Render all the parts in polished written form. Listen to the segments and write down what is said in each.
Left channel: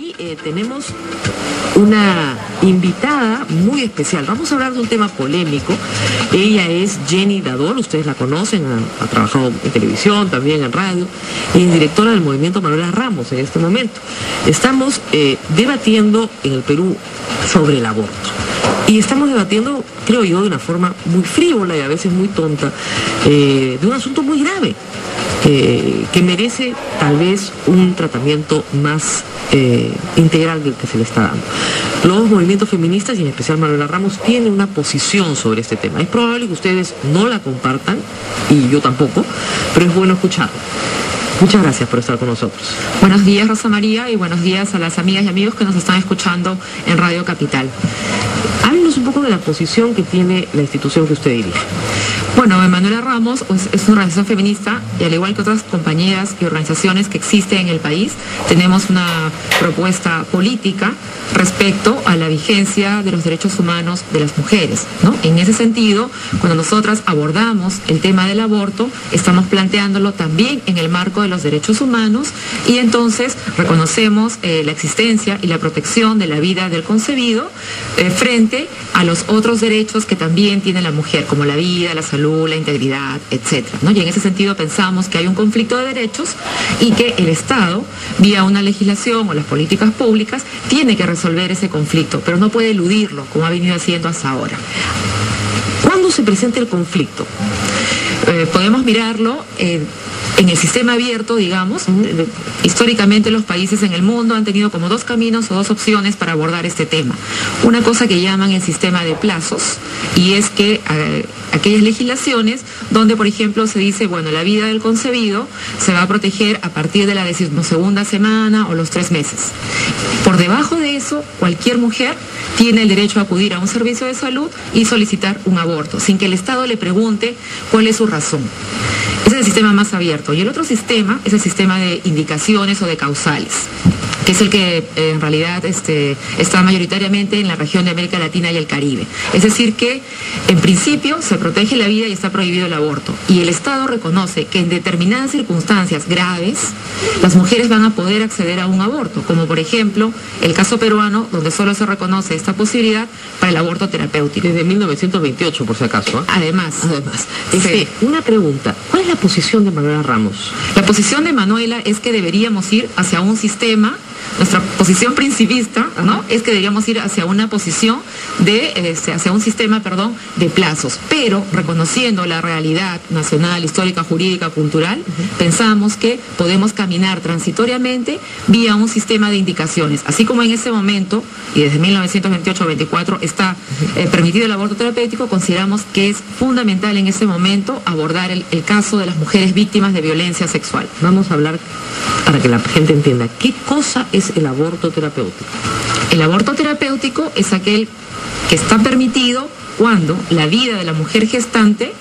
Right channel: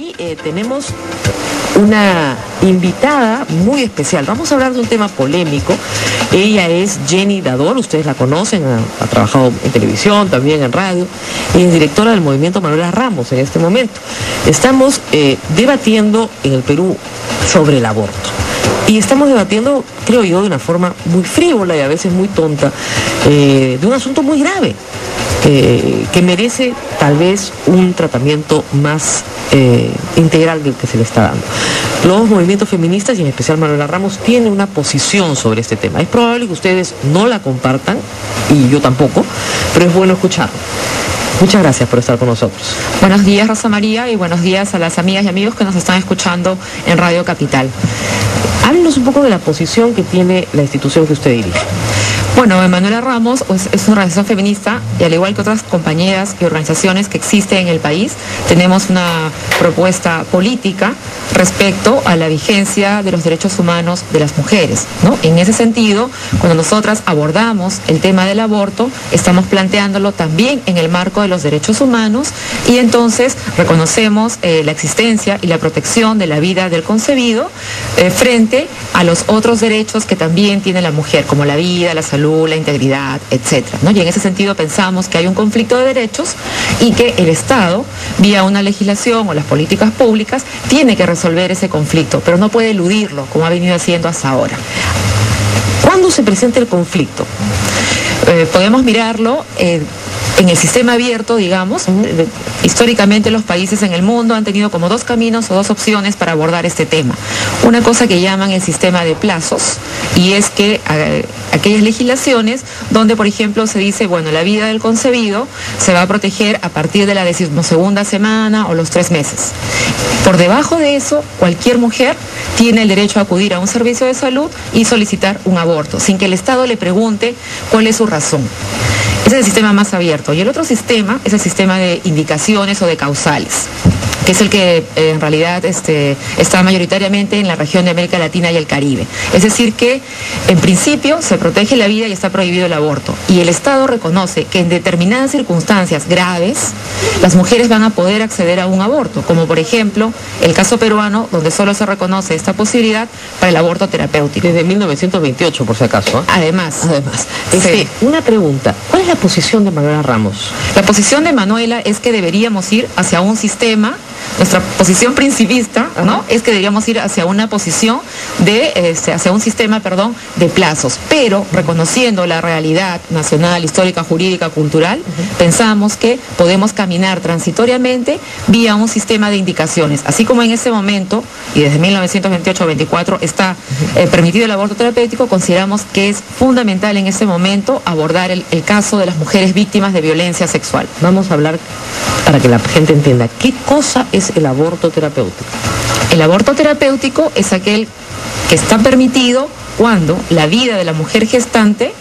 Y tenemos una invitada muy especial. Vamos a hablar de un tema polémico. Ella es Jenny Dador, ustedes la conocen, ha trabajado en televisión, también en radio. Es directora del movimiento Manuela Ramos en este momento. Estamos debatiendo en el Perú sobre el aborto. Y estamos debatiendo, creo yo, de una forma muy frívola y a veces muy tonta, de un asunto muy grave, que merece tal vez un tratamiento más integral del que se le está dando. Los movimientos feministas, y en especial Manuela Ramos, tienen una posición sobre este tema. Es probable que ustedes no la compartan, y yo tampoco, pero es bueno escucharlo. Muchas gracias por estar con nosotros. Buenos días, Rosa María, y buenos días a las amigas y amigos que nos están escuchando en Radio Capital. Háblenos un poco de la posición que tiene la institución que usted dirige. Bueno, Manuela Ramos es una organización feminista y al igual que otras compañeras y organizaciones que existen en el país, tenemos una propuesta política respecto a la vigencia de los derechos humanos de las mujeres, ¿no? En ese sentido, cuando nosotras abordamos el tema del aborto, estamos planteándolo también en el marco de los derechos humanos y entonces reconocemos la existencia y la protección de la vida del concebido frente a los otros derechos que también tiene la mujer, como la vida, la salud, la integridad, etcétera, ¿no? Y en ese sentido pensamos que hay un conflicto de derechos y que el Estado, vía una legislación o las políticas públicas, tiene que resolver ese conflicto, pero no puede eludirlo, como ha venido haciendo hasta ahora. ¿Cuándo se presenta el conflicto? Podemos mirarlo en el sistema abierto, digamos. Históricamente los países en el mundo han tenido como dos caminos o dos opciones para abordar este tema. Una cosa que llaman el sistema de plazos, y es que aquellas legislaciones donde, por ejemplo, se dice, bueno, la vida del concebido se va a proteger a partir de la 12ª semana o los 3 meses. Por debajo de eso, cualquier mujer tiene el derecho a acudir a un servicio de salud y solicitar un aborto, sin que el Estado le pregunte cuál es su razón. Ese es el sistema más abierto. Y el otro sistema es el sistema de indicaciones o de causales, que es el que en realidad está mayoritariamente en la región de América Latina y el Caribe. Es decir que, en principio, se protege la vida y está prohibido el aborto. Y el Estado reconoce que en determinadas circunstancias graves, las mujeres van a poder acceder a un aborto, como por ejemplo el caso peruano, donde solo se reconoce esta posibilidad para el aborto terapéutico. Desde 1928, por si acaso, ¿eh? Además. Sí. Una pregunta, ¿cuál es la posición de Manuela Ramos? La posición de Manuela es que deberíamos ir hacia un sistema. Nuestra posición principista, ¿no?, es que deberíamos ir hacia una posición hacia un sistema, de plazos, pero reconociendo la realidad nacional, histórica, jurídica, cultural, pensamos que podemos caminar transitoriamente vía un sistema de indicaciones, así como en ese momento, y desde 1928-24 está permitido el aborto terapéutico, consideramos que es fundamental en ese momento abordar el caso de las mujeres víctimas de violencia sexual. Vamos a hablar para que la gente entienda, ¿qué cosa es el aborto terapéutico? El aborto terapéutico es aquel que está permitido cuando la vida de la mujer gestante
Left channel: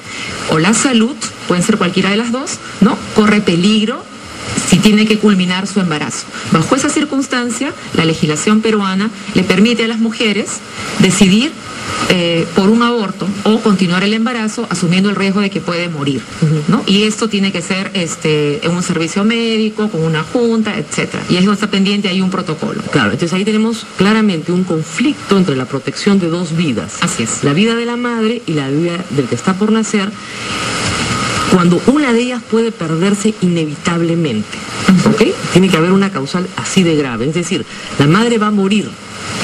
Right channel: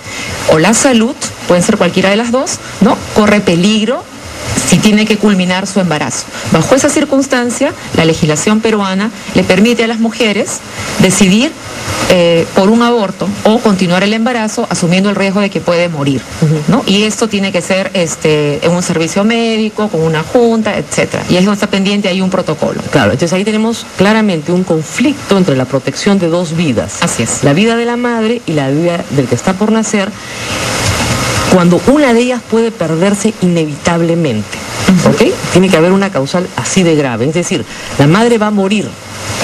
o la salud, pueden ser cualquiera de las dos, ¿no?, corre peligro si tiene que culminar su embarazo. Bajo esa circunstancia, la legislación peruana le permite a las mujeres decidir por un aborto o continuar el embarazo asumiendo el riesgo de que puede morir, ¿no? Y esto tiene que ser en un servicio médico, con una junta, etcétera. Y eso está pendiente, hay un protocolo. Claro, entonces ahí tenemos claramente un conflicto entre la protección de dos vidas. Así es. La vida de la madre y la vida del que está por nacer, cuando una de ellas puede perderse inevitablemente, ¿ok? Tiene que haber una causal así de grave, es decir, la madre va a morir.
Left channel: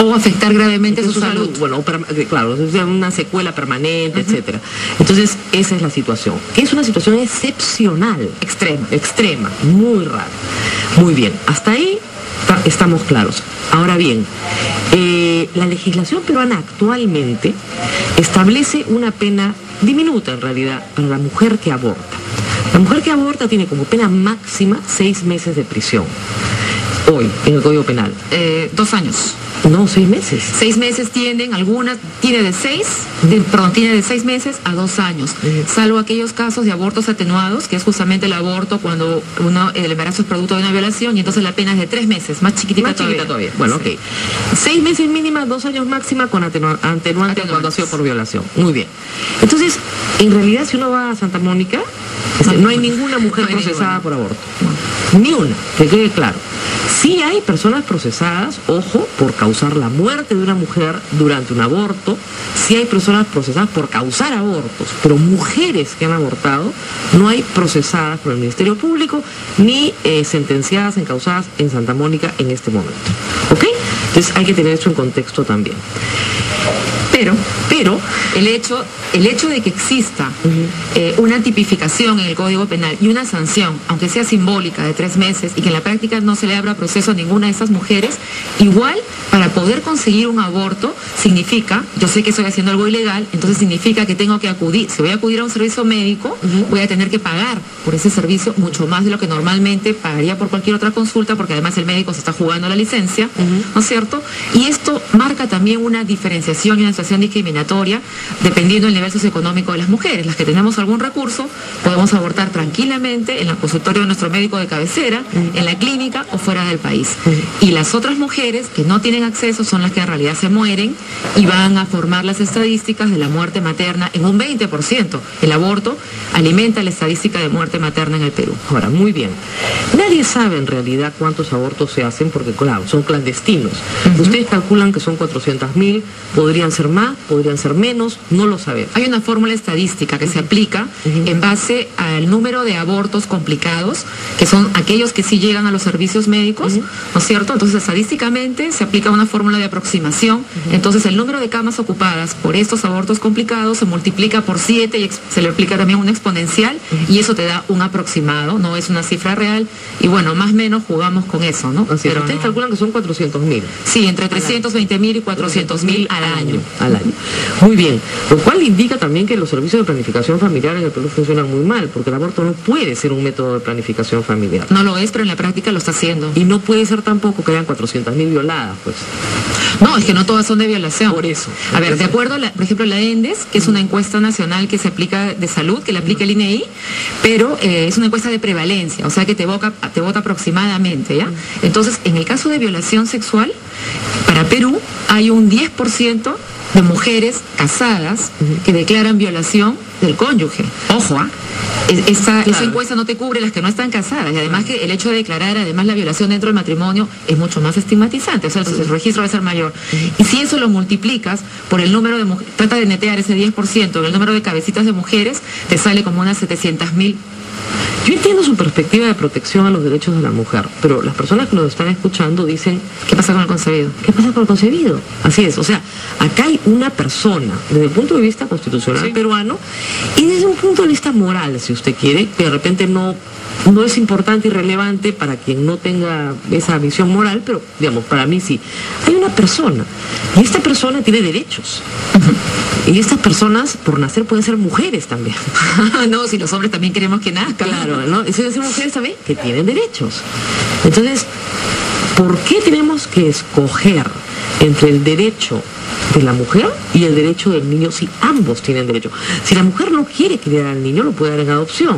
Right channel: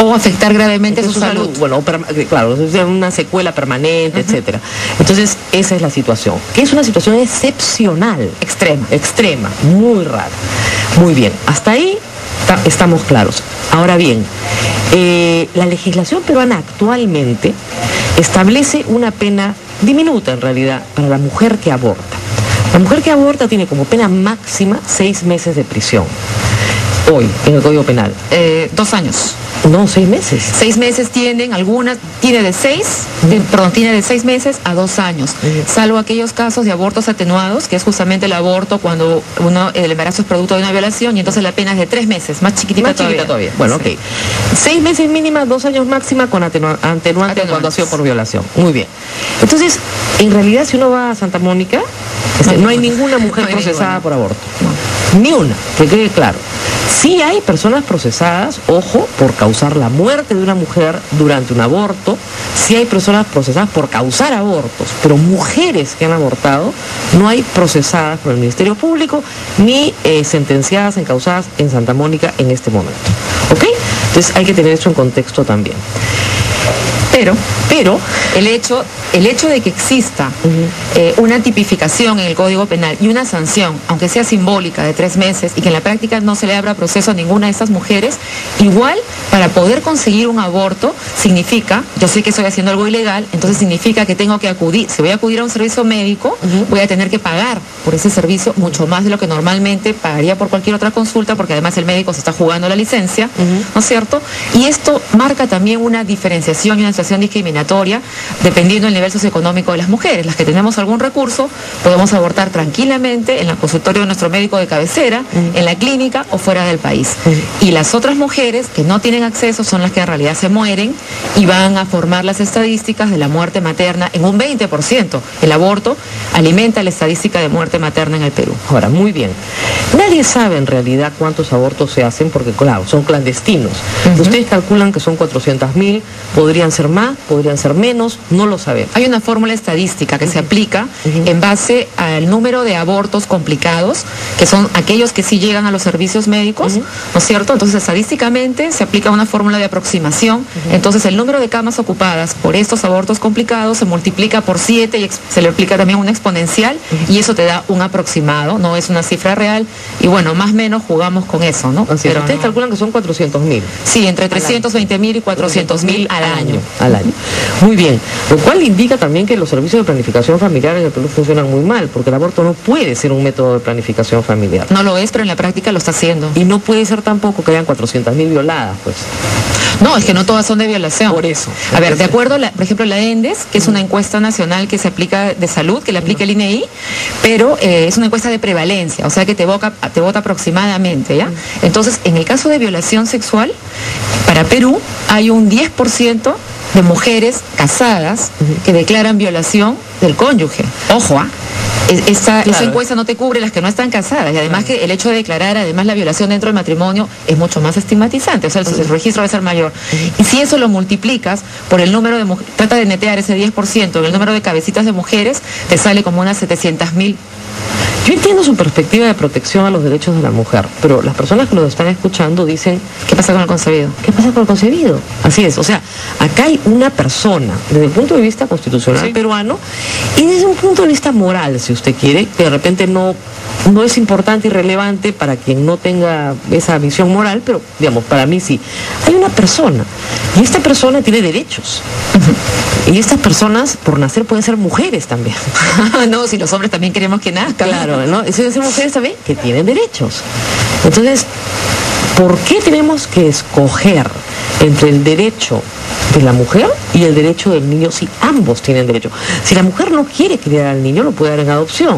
O afectar gravemente su salud. Bueno, claro, una secuela permanente, etcétera. Entonces, esa es la situación, que es una situación excepcional. Extrema, muy rara. Muy bien, hasta ahí estamos claros. Ahora bien, la legislación peruana actualmente establece una pena diminuta en realidad para la mujer que aborta. La mujer que aborta tiene como pena máxima 6 meses de prisión. Hoy, en el Código Penal. 2 años. No, 6 meses. 6 meses tienen, algunas tiene de 6 meses a 2 años, salvo aquellos casos de abortos atenuados, que es justamente el aborto cuando el embarazo es producto de una violación y entonces la pena es de 3 meses, más chiquitita todavía. Bueno, sí. Ok. 6 meses mínima, 2 años máxima con atenuante cuando ha sido por violación. Muy bien. Entonces, en realidad, si uno va a Santa Mónica, no hay ninguna mujer procesada por aborto. Ni una, que quede claro. Sí hay personas procesadas, ojo, por causar la muerte de una mujer durante un aborto, sí hay personas procesadas por causar abortos, pero mujeres que han abortado no hay procesadas por el Ministerio Público ni sentenciadas, encausadas en Santa Mónica en este momento. ¿Ok? Entonces hay que tener eso en contexto también. Pero el hecho de que exista una tipificación en el Código Penal y una sanción, aunque sea simbólica, de 3 meses, y que en la práctica no se le abra proceso a ninguna de estas mujeres, igual para poder conseguir un aborto significa, yo sé que estoy haciendo algo ilegal, entonces significa que tengo que acudir, si voy a acudir a un servicio médico, voy a tener que pagar por ese servicio mucho más de lo que normalmente pagaría por cualquier otra consulta, porque además el médico se está jugando la licencia, ¿no es cierto? Y esto marca también una diferenciación y una situación discriminatoria dependiendo del nivel socioeconómico de las mujeres. Las que tenemos algún recurso podemos abortar tranquilamente en el consultorio de nuestro médico de cabecera, en la clínica o fuera del país. Y las otras mujeres que no tienen acceso son las que en realidad se mueren y van a formar las estadísticas de la muerte materna en un 20%. El aborto alimenta la estadística de muerte materna en el Perú. Ahora, muy bien. Nadie sabe en realidad cuántos abortos se hacen porque, claro, son clandestinos. Ustedes calculan que son 400.000, podrían ser más, podrían ser menos, no lo sabemos. Hay una fórmula estadística que se aplica en base al número de abortos complicados, que son aquellos que sí llegan a los servicios médicos, ¿no es cierto? Entonces, estadísticamente se aplica una fórmula de aproximación. Entonces, el número de camas ocupadas por estos abortos complicados se multiplica por 7 y se le aplica también una exponencial y eso te da un aproximado, no es una cifra real. Y bueno, más o menos jugamos con eso, ¿no? Pero ustedes calculan que son 400.000. Sí, entre 320.000 y 400.000 al año. Muy bien, lo cual indica también que los servicios de planificación familiar en el Perú funcionan muy mal, porque el aborto no puede ser un método de planificación familiar. No lo es, pero en la práctica lo está haciendo. Y no puede ser tampoco que hayan 400.000 violadas, pues. No, es que no todas son de violación. Por eso. A ver, de acuerdo, por ejemplo, la ENDES, que es una encuesta nacional que se aplica de salud, que la aplica el INEI, pero es una encuesta de prevalencia, o sea que te vota aproximadamente, ¿ya? Entonces, en el caso de violación sexual, para Perú hay un 10% de mujeres casadas que declaran violación del cónyuge. Ojo, esa encuesta no te cubre las que no están casadas, y además que el hecho de declarar además la violación dentro del matrimonio es mucho más estigmatizante, o sea, el registro va a ser mayor. Y si eso lo multiplicas por el número de mujeres, trata de netear ese 10% en el número de cabecitas de mujeres, te sale como unas 700.000. Yo entiendo su perspectiva de protección a los derechos de la mujer, pero las personas que lo están escuchando dicen, ¿qué pasa con el concebido? ¿Qué pasa con el concebido? Así es, o sea, acá hay una persona, desde el punto de vista constitucional peruano, y desde un punto de vista moral, si usted quiere, que de repente no es importante y relevante para quien no tenga esa visión moral, pero digamos, para mí sí. Hay una persona, y esta persona tiene derechos. Y estas personas, por nacer, pueden ser mujeres también. No, si los hombres también queremos que nazcan. Claro, ¿no? Si ser mujeres también que tienen derechos. Entonces, ¿por qué tenemos que escoger entre el derecho de la mujer y el derecho del niño si ambos tienen derecho? Si la mujer no quiere criar al niño, lo puede dar en adopción,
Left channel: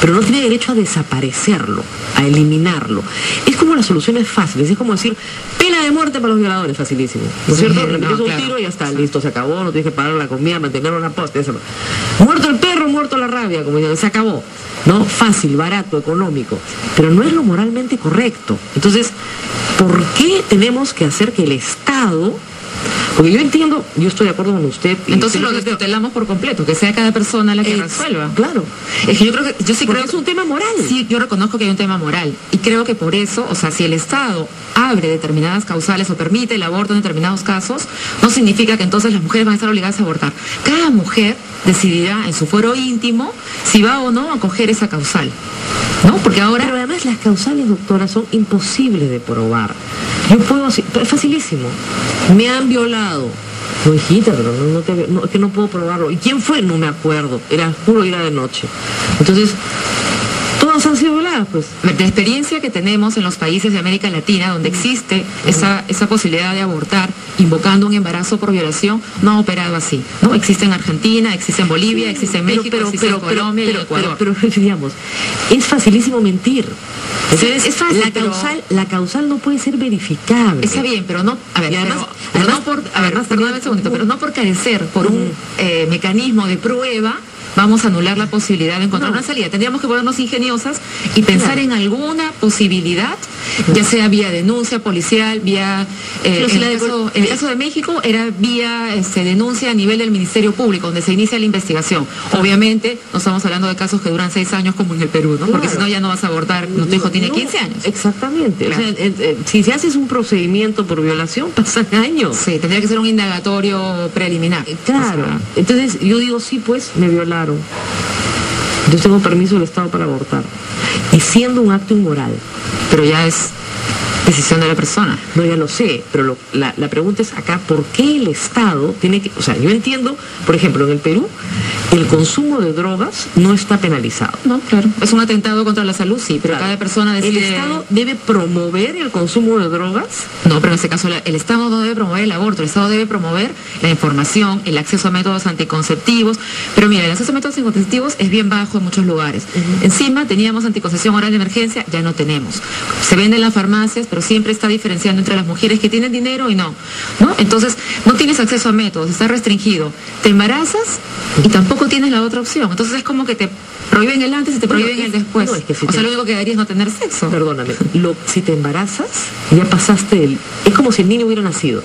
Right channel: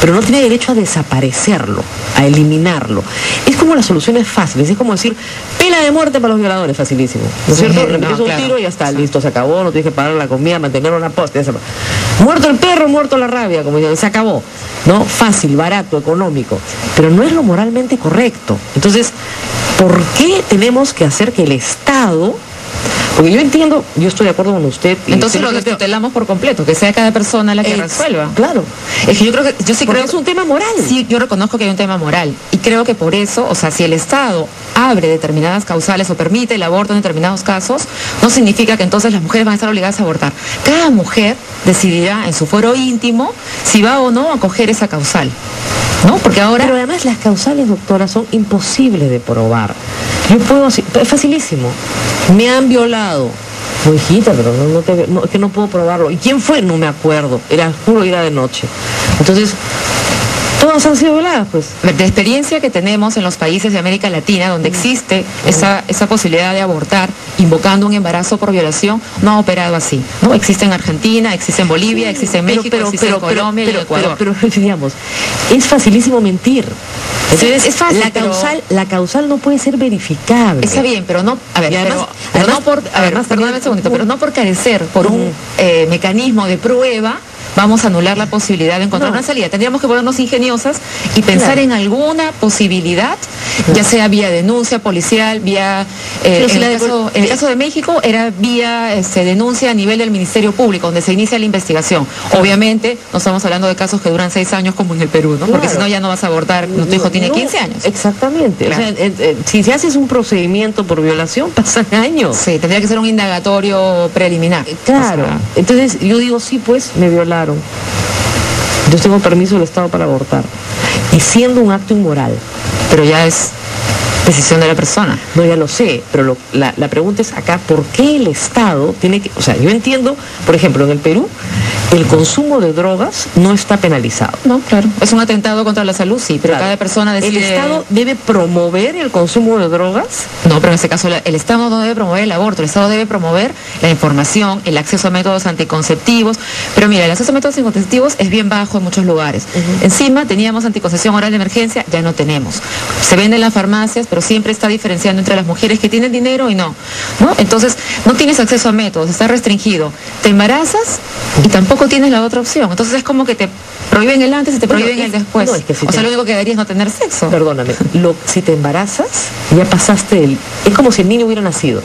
pero no tiene derecho a desaparecerlo, a eliminarlo. Es como las soluciones fáciles, es como decir, pena de muerte para los violadores, facilísimo. ¿No es cierto? Le metes un tiro y ya está, listo, se acabó, no tienes que pagar la comida, mantener una posta, ya se acabó. Muerto el perro, muerto la rabia, como dicen, se acabó. ¿No? Fácil, barato, económico, pero no es lo moralmente correcto. Entonces, ¿por qué tenemos que hacer que el Estado... Porque yo entiendo, yo estoy de acuerdo con usted. Entonces lo destutelamos por completo, que sea cada persona la que resuelva. Claro. Es que yo creo que, yo sí creo que es un tema moral. Sí, yo reconozco que hay un tema moral. Y creo que por eso, o sea, si el Estado abre determinadas causales o permite el aborto en determinados casos, no significa que entonces las mujeres van a estar obligadas a abortar. Cada mujer decidirá en su fuero íntimo si va o no a coger esa causal. ¿No? Porque ahora... Pero además las causales, doctora, son imposibles de probar. Yo puedo decir, es facilísimo. Me han violado. Pues hijita, pero es que no puedo probarlo. ¿Y quién fue? No me acuerdo. Era juro, era de noche. Entonces, todas han sido violadas, pues. De experiencia que tenemos en los países de América Latina, donde existe esa posibilidad de abortar, invocando un embarazo por violación, no ha operado así, ¿no? Existe en Argentina, existe en Bolivia, existe en México, existe en Colombia y en Ecuador. Pero, digamos, es facilísimo mentir. Es fácil, la causal no puede ser verificable. Está bien, pero no, a ver, perdóname un segundito, pero no por carecer por un mecanismo de prueba vamos a anular la posibilidad de encontrar una salida. Tendríamos que ponernos ingeniosas y pensar en alguna posibilidad, ya sea vía denuncia policial, vía, en el caso de México, era vía denuncia a nivel del Ministerio Público, donde se inicia la investigación. Obviamente, no estamos hablando de casos que duran 6 años como en el Perú, ¿no? Porque si no ya no vas a abortar, tu hijo tiene 15 años. Exactamente. Claro. O sea, si haces un procedimiento por violación, pasan años. Sí, tendría que ser un indagatorio preliminar. Claro. O sea, entonces yo digo, sí, pues me violaron. Yo tengo permiso del Estado para abortar. Y siendo un acto inmoral. Pero ya es decisión de la persona. No, ya lo sé, pero la pregunta es acá, ¿por qué el Estado tiene que...? O sea, yo entiendo, por ejemplo, en el Perú, el consumo de drogas no está penalizado. No, claro. Es un atentado contra la salud, sí, pero claro, cada persona decide... ¿El Estado debe promover el consumo de drogas? No, pero en este caso el Estado no debe promover el aborto, el Estado debe promover la información, el acceso a métodos anticonceptivos. Pero mira, el acceso a métodos anticonceptivos es bien bajo en muchos lugares. Encima teníamos anticoncepción oral de emergencia, ya no tenemos. Se vende en las farmacias, pero siempre está diferenciando entre las mujeres que tienen dinero y no. Entonces, no tienes acceso a métodos, está restringido. Te embarazas y tampoco tienes la otra opción. Entonces es como que te prohíben el antes y te prohíben el después. No, es que si lo único que daría es no tener sexo. Perdóname, si te embarazas, ya pasaste es como si el niño hubiera nacido.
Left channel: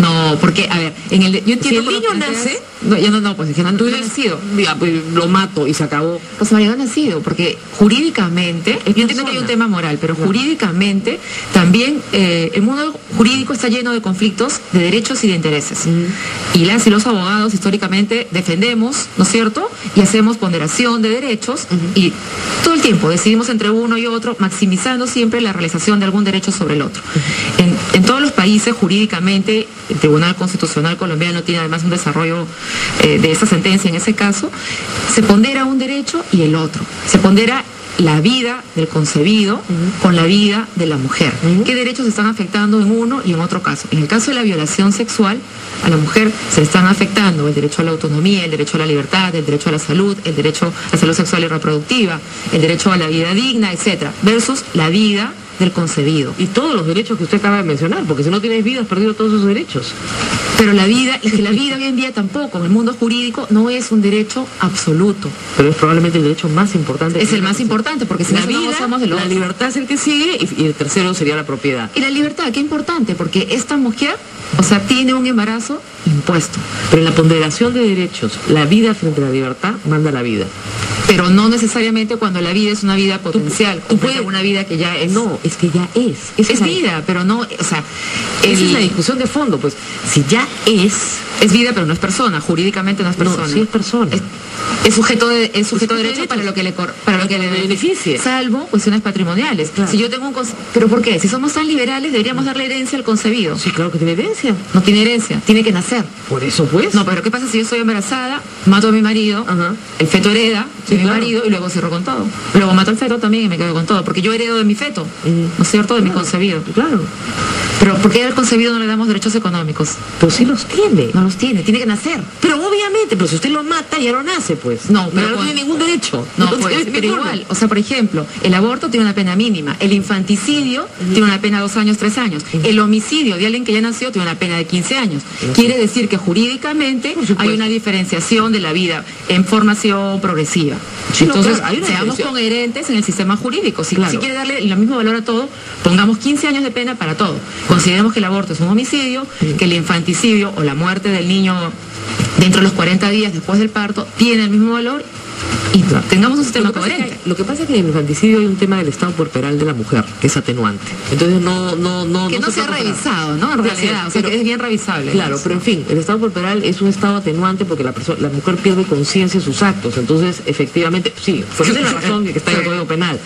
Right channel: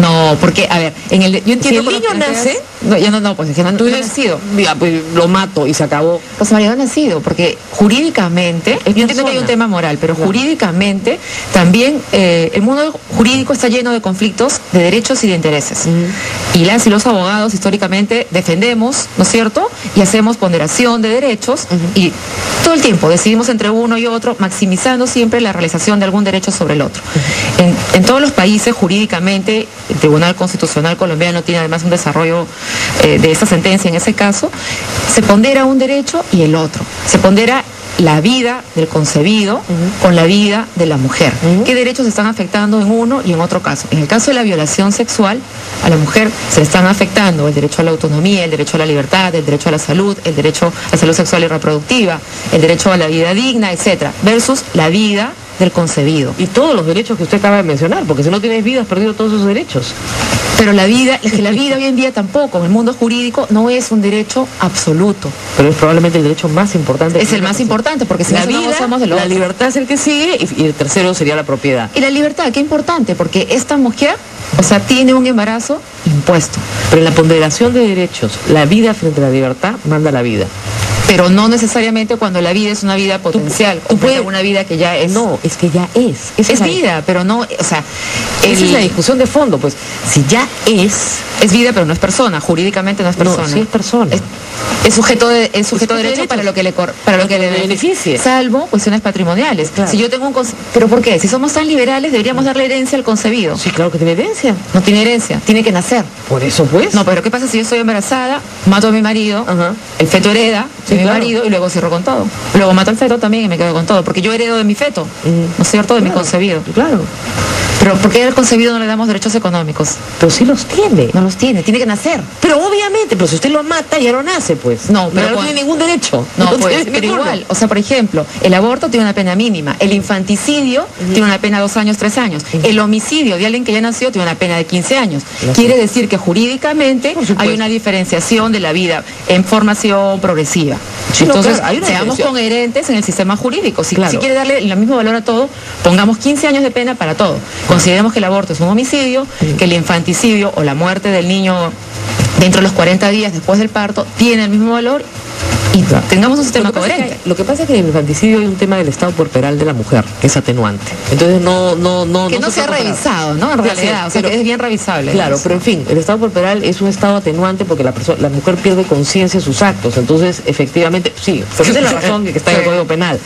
No, porque, a ver, yo entiendo... Si el niño nace... Pues es que no ha nacido. Ya, pues lo mato y se acabó. Pues María, no ha nacido, porque jurídicamente, yo entiendo que hay un tema moral, pero jurídicamente también el mundo jurídico está lleno de conflictos de derechos y de intereses. Y las y los abogados históricamente defendemos, ¿no es cierto? Y hacemos ponderación de derechos y todo el tiempo decidimos entre uno y otro, maximizando siempre la realización de algún derecho sobre el otro. En todos los países jurídicamente, el Tribunal Constitucional colombiano tiene además un desarrollo de esta sentencia en ese caso, se pondera un derecho y el otro. Se pondera la vida del concebido con la vida de la mujer. ¿Qué derechos se están afectando en uno y en otro caso? En el caso de la violación sexual, a la mujer se están afectando el derecho a la autonomía, el derecho a la libertad, el derecho a la salud, el derecho a la salud sexual y reproductiva, el derecho a la vida digna, etcétera, versus la vida del concebido. Y todos los derechos que usted acaba de mencionar, porque si no tienes vida has perdido todos esos derechos. Pero la vida, es que la vida hoy en día tampoco, en el mundo jurídico, no es un derecho absoluto. Pero es probablemente el derecho más importante. Es el más importante, porque si la vida, somos de la libertad es el que sigue y el tercero sería la propiedad. Y la libertad, qué importante, porque esta mujer, o sea, tiene un embarazo impuesto. Pero en la ponderación de derechos, la vida frente a la libertad manda la vida. Pero no necesariamente cuando la vida es una vida potencial. Tú puedes una vida que ya es. No, es que ya es. Es vida, pero no, o sea... Esa es la discusión de fondo, pues. Si ya es... Es vida, pero no es persona. Jurídicamente no es persona. No, sí es persona. Es sujeto de derecho para lo que le beneficie. Salvo cuestiones patrimoniales. Claro. Si yo tengo un... ¿Pero por qué? Si somos tan liberales, deberíamos darle herencia al concebido. Sí, claro que tiene herencia. No tiene herencia, tiene que nacer. Por eso, pues. No, pero ¿qué pasa si yo estoy embarazada, mato a mi marido, el feto hereda de mi marido y luego cierro con todo? Luego mato al feto también y me quedo con todo, porque yo heredo de mi feto, ¿no es cierto? De mi concebido. Claro. Pero ¿por qué al concebido no le damos derechos económicos? Pues sí los tiene. No los tiene que nacer. Pero obviamente, pero si usted lo mata ya no nace, pues. No, pero no tiene ningún derecho. No, pues, pero igual. O sea, por ejemplo, el aborto tiene una pena mínima. El infanticidio tiene una pena de 2 años, 3 años. El homicidio de alguien que ya nació tiene una pena de 15 años. Quiere decir que jurídicamente hay una diferenciación de la vida en formación progresiva. Sí, entonces, seamos coherentes en el sistema jurídico. Si quiere darle el mismo valor a todo, pongamos 15 años de pena para todo. Consideremos que el aborto es un homicidio, que el infanticidio o la muerte del niño dentro de los 40 días después del parto tiene el mismo valor y tengamos un sistema coherente. Lo que pasa es que en el infanticidio hay un tema del estado corporal de la mujer, que es atenuante. Entonces que no se ha revisado, ¿no? En realidad, o sea, que es bien revisable. Claro, pero en fin, el estado corporal es un estado atenuante porque la mujer pierde conciencia de sus actos. Entonces, efectivamente, sí, pero esa es la razón que está en el Código Penal.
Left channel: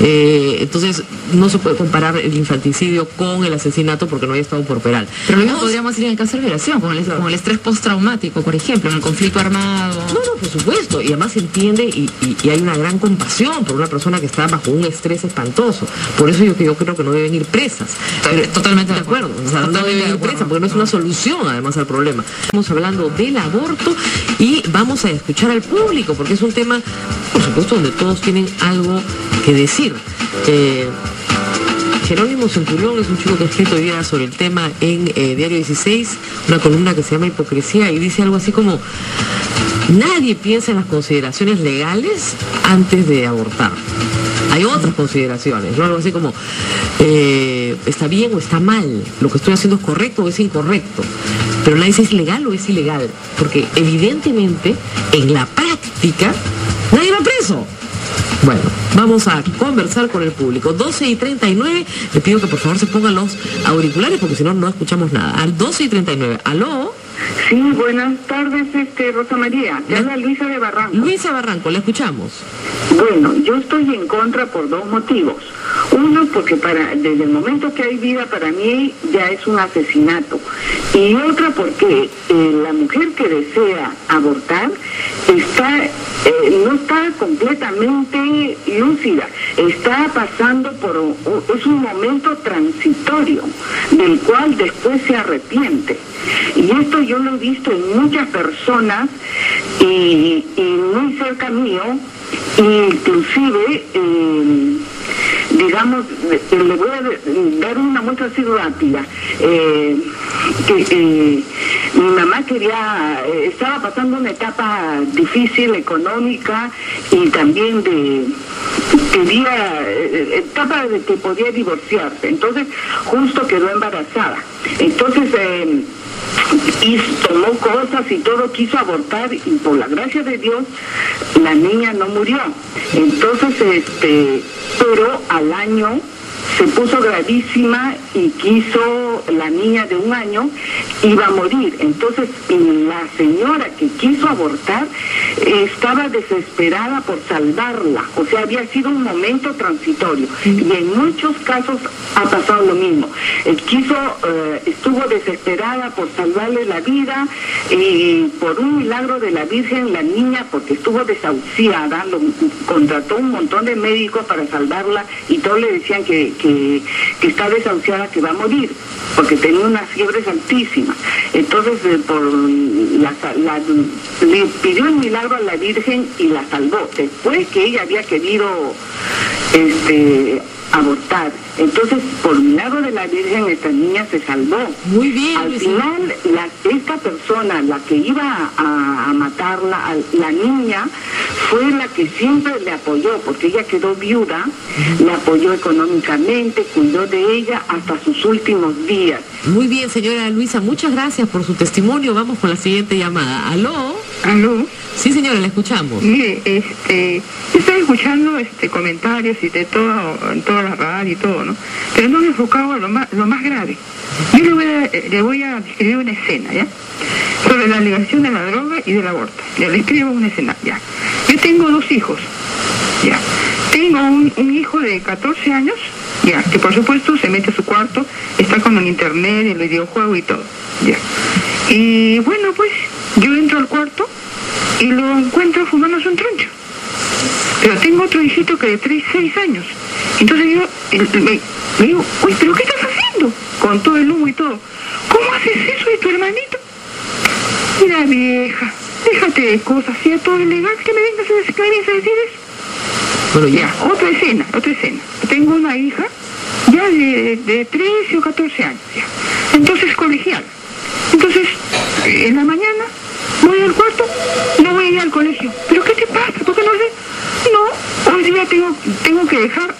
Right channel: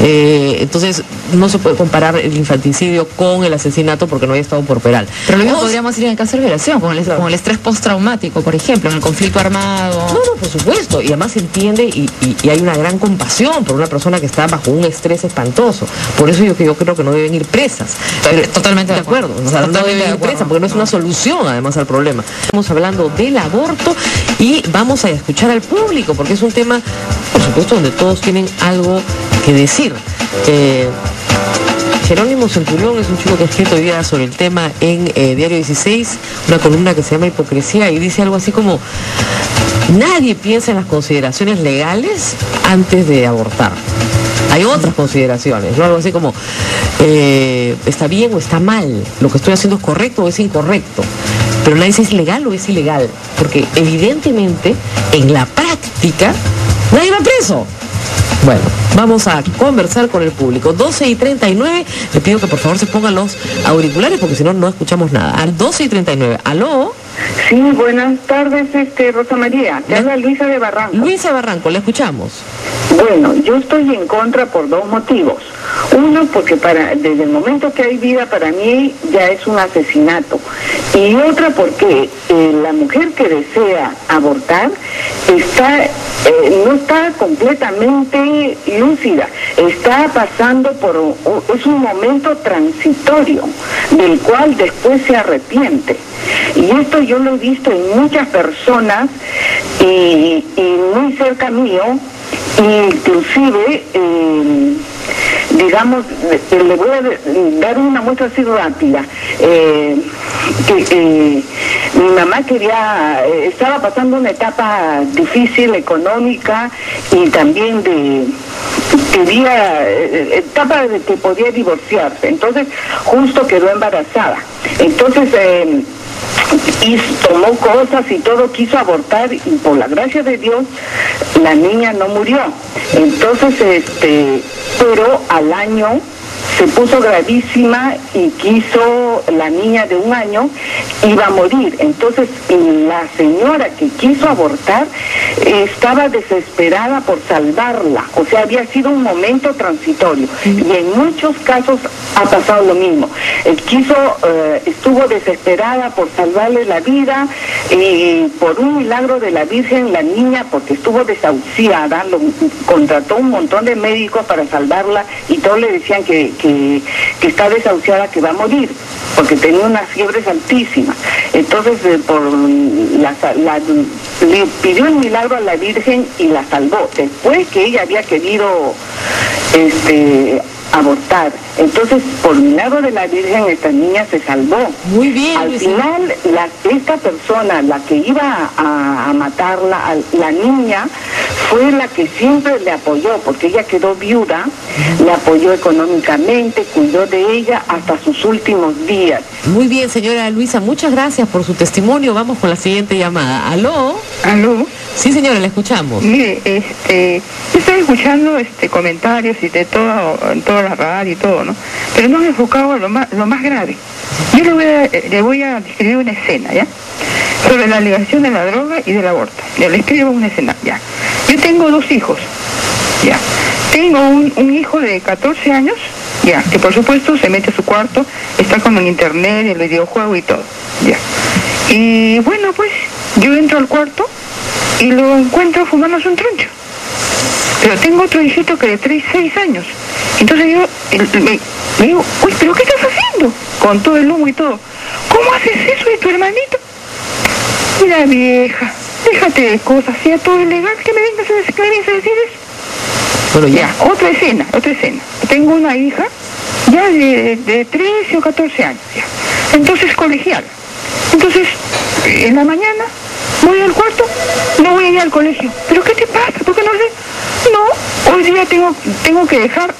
Entonces, no se puede comparar el infanticidio con el asesinato porque no hay estado corporal. Pero lo mismo podríamos ir en el caso de violación, con el estrés postraumático, por ejemplo, en el conflicto armado. No, por supuesto. Y además se entiende y hay una gran compasión por una persona que está bajo un estrés espantoso. Por eso yo creo que no deben ir presas. Totalmente de acuerdo. O sea, no deben ir presas porque no es una solución además al problema. Estamos hablando del aborto y vamos a escuchar al público porque es un tema, por supuesto, donde todos tienen algo que decir. Jerónimo Centurión es un chico que ha escrito hoy día sobre el tema en Diario 16, una columna que se llama Hipocresía, y dice algo así como: nadie piensa en las consideraciones legales antes de abortar. Hay otras consideraciones, ¿no? Algo así como, ¿está bien o está mal? ¿Lo que estoy haciendo es correcto o es incorrecto? Pero nadie dice es legal o es ilegal, porque evidentemente en la práctica nadie va preso. Bueno, vamos a conversar con el público. 12:39, le pido que por favor se pongan los auriculares porque si no, no escuchamos nada. Al 12:39, ¿aló? Sí, buenas tardes, Rosa María. Te habla Luisa de Barranco. Luisa Barranco, le escuchamos. Bueno, yo estoy en contra por dos motivos. Uno, porque desde el momento que hay vida, para mí ya es un asesinato. Y otra, porque la mujer que desea abortar no está completamente lúcida. Está pasando es un momento transitorio, del cual después se arrepiente. Y esto yo lo he visto en muchas personas y muy cerca mío, inclusive, digamos, le voy a dar una muestra así rápida. Mi mamá estaba pasando una etapa difícil económica y también etapa de que podía divorciarse. Entonces, justo quedó embarazada. Entonces, y tomó cosas y todo, quiso abortar y por la gracia de Dios la niña no murió. Entonces, pero al año se puso gravísima y la niña de 1 año iba a morir. Entonces la señora que quiso abortar estaba desesperada por salvarla, o sea, había sido un momento transitorio. Y en muchos casos ha pasado lo mismo. Estuvo desesperada por salvarle la vida y por un milagro de la Virgen, la niña, porque estuvo desahuciada, contrató un montón de médicos para salvarla y todos le decían que está desahuciada, que va a morir, porque tenía unas fiebres altísimas. Entonces, le pidió el milagro a la Virgen y la salvó, después que ella había querido abortar. Entonces, por milagro de la Virgen, esta niña se salvó. Muy bien. Al final, esta persona, la que iba a matarla, la niña, fue la que siempre le apoyó, porque ella quedó viuda, le apoyó económicamente, cuidó de ella hasta sus últimos días. Muy bien, señora Luisa, muchas gracias por su testimonio. Vamos con la siguiente llamada. ¿Aló? ¿Aló? Sí, señora, le escuchamos. Mire, estoy escuchando comentarios y de toda la radio y todo, ¿no? Pero no me he enfocado a lo más grave. Yo le voy a describir una escena, ¿ya? Sobre la alegación de la droga y del aborto. Ya le escribo una escena, ya. Yo tengo 2 hijos, ya. Tengo un hijo de 14 años, ya, que por supuesto se mete a su cuarto, está con el internet, el videojuego y todo, ya. Y bueno, pues, yo entro al cuarto y lo encuentro fumándose un troncho. Pero tengo otro hijito que de 6 años. Entonces yo me digo, uy, ¿pero qué estás haciendo? Con todo el humo y todo. ¿Cómo haces eso de tu hermanito? Mira, vieja, déjate de cosas, sea todo ilegal, que me vengas a decir eso. Bueno, ya, otra escena. Tengo una hija ya de 13 o 14 años, ya. Entonces, colegial. Entonces, en la mañana voy al cuarto, no voy a ir al colegio. ¿Pero qué te pasa? ¿Por qué no sé? No, hoy día tengo que dejar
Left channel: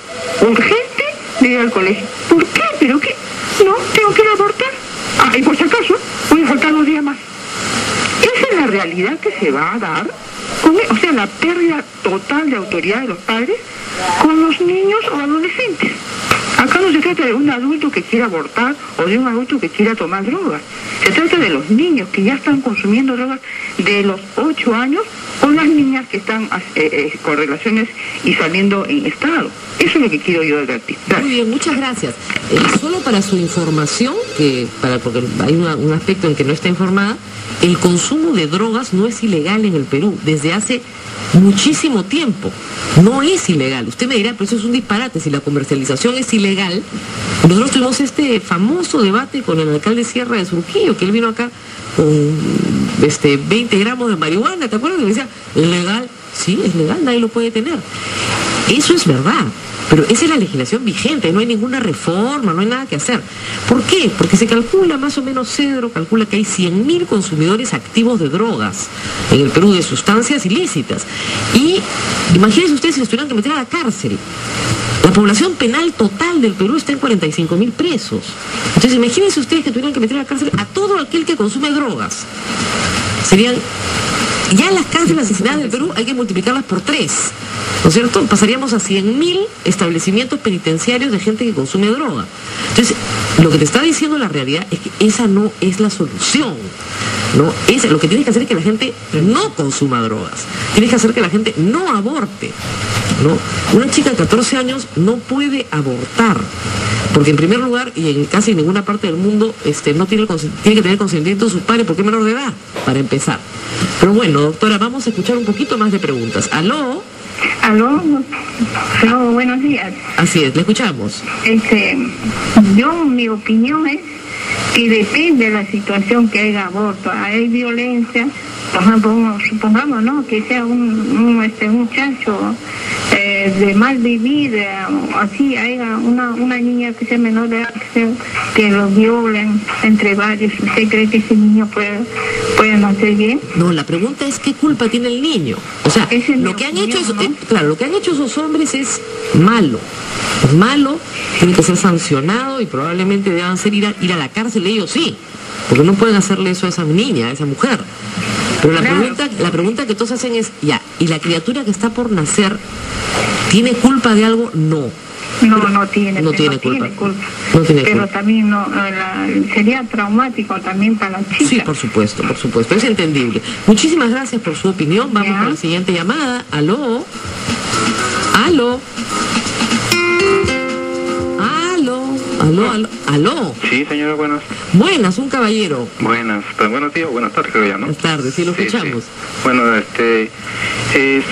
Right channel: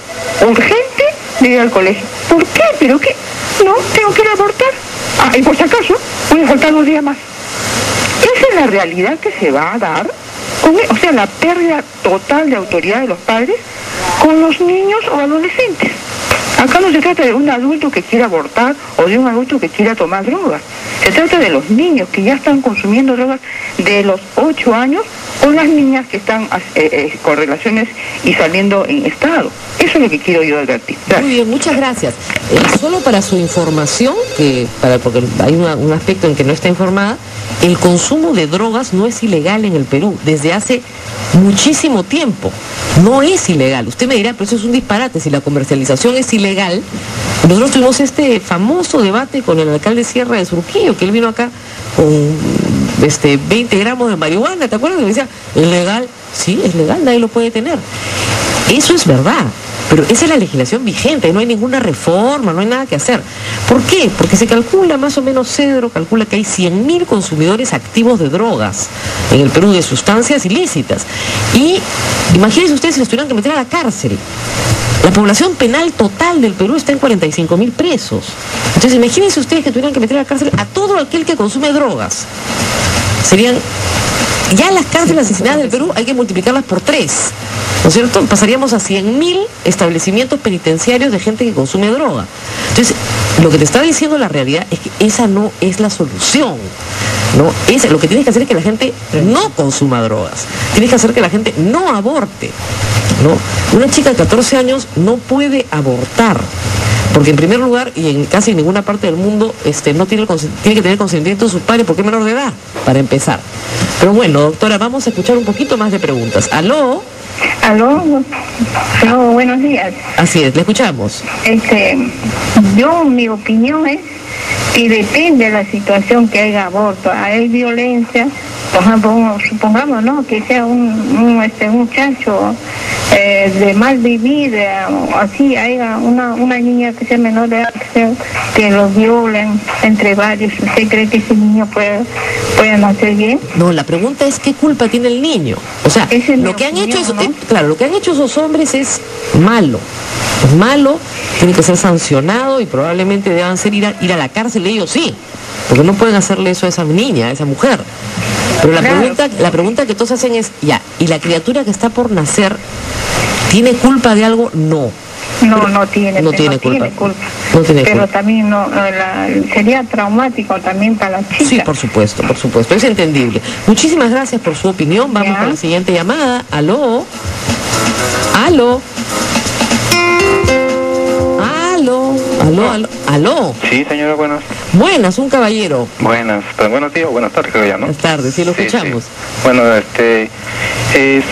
urgente de ir al colegio. ¿Por qué? ¿Pero qué? No, tengo que ir a abortar. Ah, y por si acaso, voy a faltar 2 días más. Esa es la realidad que se va a dar, o sea, la pérdida total de autoridad de los padres con los niños o adolescentes. Acá no se trata de un adulto que quiera abortar o de un adulto que quiera tomar drogas. Se trata de los niños que ya están consumiendo drogas de los 8 años o las niñas que están con relaciones y saliendo en estado. Eso es lo que quiero yo advertir. Gracias. Muy bien, muchas gracias. Solo para su información, porque hay un aspecto en que no está informada, el consumo de drogas no es ilegal en el Perú desde hace muchísimo tiempo. No es ilegal. Usted me dirá, pero eso es un disparate. Si la comercialización es ilegal, nosotros tuvimos este famoso debate con el alcalde Sierra de Surquillo, que él vino acá con 20 gramos de marihuana, ¿te acuerdas? Y me decía, ¿es legal? Sí, es legal, nadie lo puede tener. Eso es verdad. Pero esa es la legislación vigente, no hay ninguna reforma, no hay nada que hacer. ¿Por qué? Porque se calcula, más o menos Cedro calcula que hay 100.000 consumidores activos de drogas en el Perú, de sustancias ilícitas. Y imagínense ustedes si los tuvieran que meter a la cárcel. La población penal total del Perú está en 45.000 presos. Entonces imagínense ustedes que tuvieran que meter a la cárcel a todo aquel que consume drogas. Serían... Ya las cárceles asesinadas del Perú hay que multiplicarlas por 3, ¿no es cierto? Pasaríamos a 100.000 establecimientos penitenciarios de gente que consume droga. Entonces, lo que te está diciendo la realidad es que esa no es la solución, ¿no? Lo que tienes que hacer es que la gente no consuma drogas. Tienes que hacer que la gente no aborte, ¿no? Una chica de 14 años no puede abortar. Porque en primer lugar, y en casi ninguna parte del mundo, no tiene que tener consentimiento de sus padres porque es menor de edad, para empezar. Pero bueno, doctora, vamos a escuchar un poquito más de preguntas. ¿Aló? Aló, buenos días. Así es, le escuchamos. Mi opinión es que depende de la situación que haya aborto. Hay violencia, supongamos, ¿no? Que sea un muchacho de mal vivir, así haya una niña que sea menor de edad, que lo violen entre varios. ¿Usted cree que ese niño puede nacer bien? No, la pregunta es ¿qué culpa tiene el niño? O sea, lo que han hecho es, claro, lo que han hecho esos hombres es malo. Es malo, tiene que ser sancionado y probablemente deban ser ir a la cárcel ellos sí, porque no pueden hacerle eso a esa niña, a esa mujer. Pero la pregunta que todos hacen es, ya, ¿y la criatura que está por nacer tiene culpa de algo? No. No tiene culpa. Pero también sería traumático también para la chica. Sí, por supuesto, es entendible. Muchísimas gracias por su opinión. Vamos con la siguiente llamada. ¿Aló? ¿Aló? Sí, señora, buenas. Buenas, un caballero. Buenas, pero buenos días o buenas tardes, creo ya, ¿no? Buenas tardes, sí, lo escuchamos. Sí. Bueno,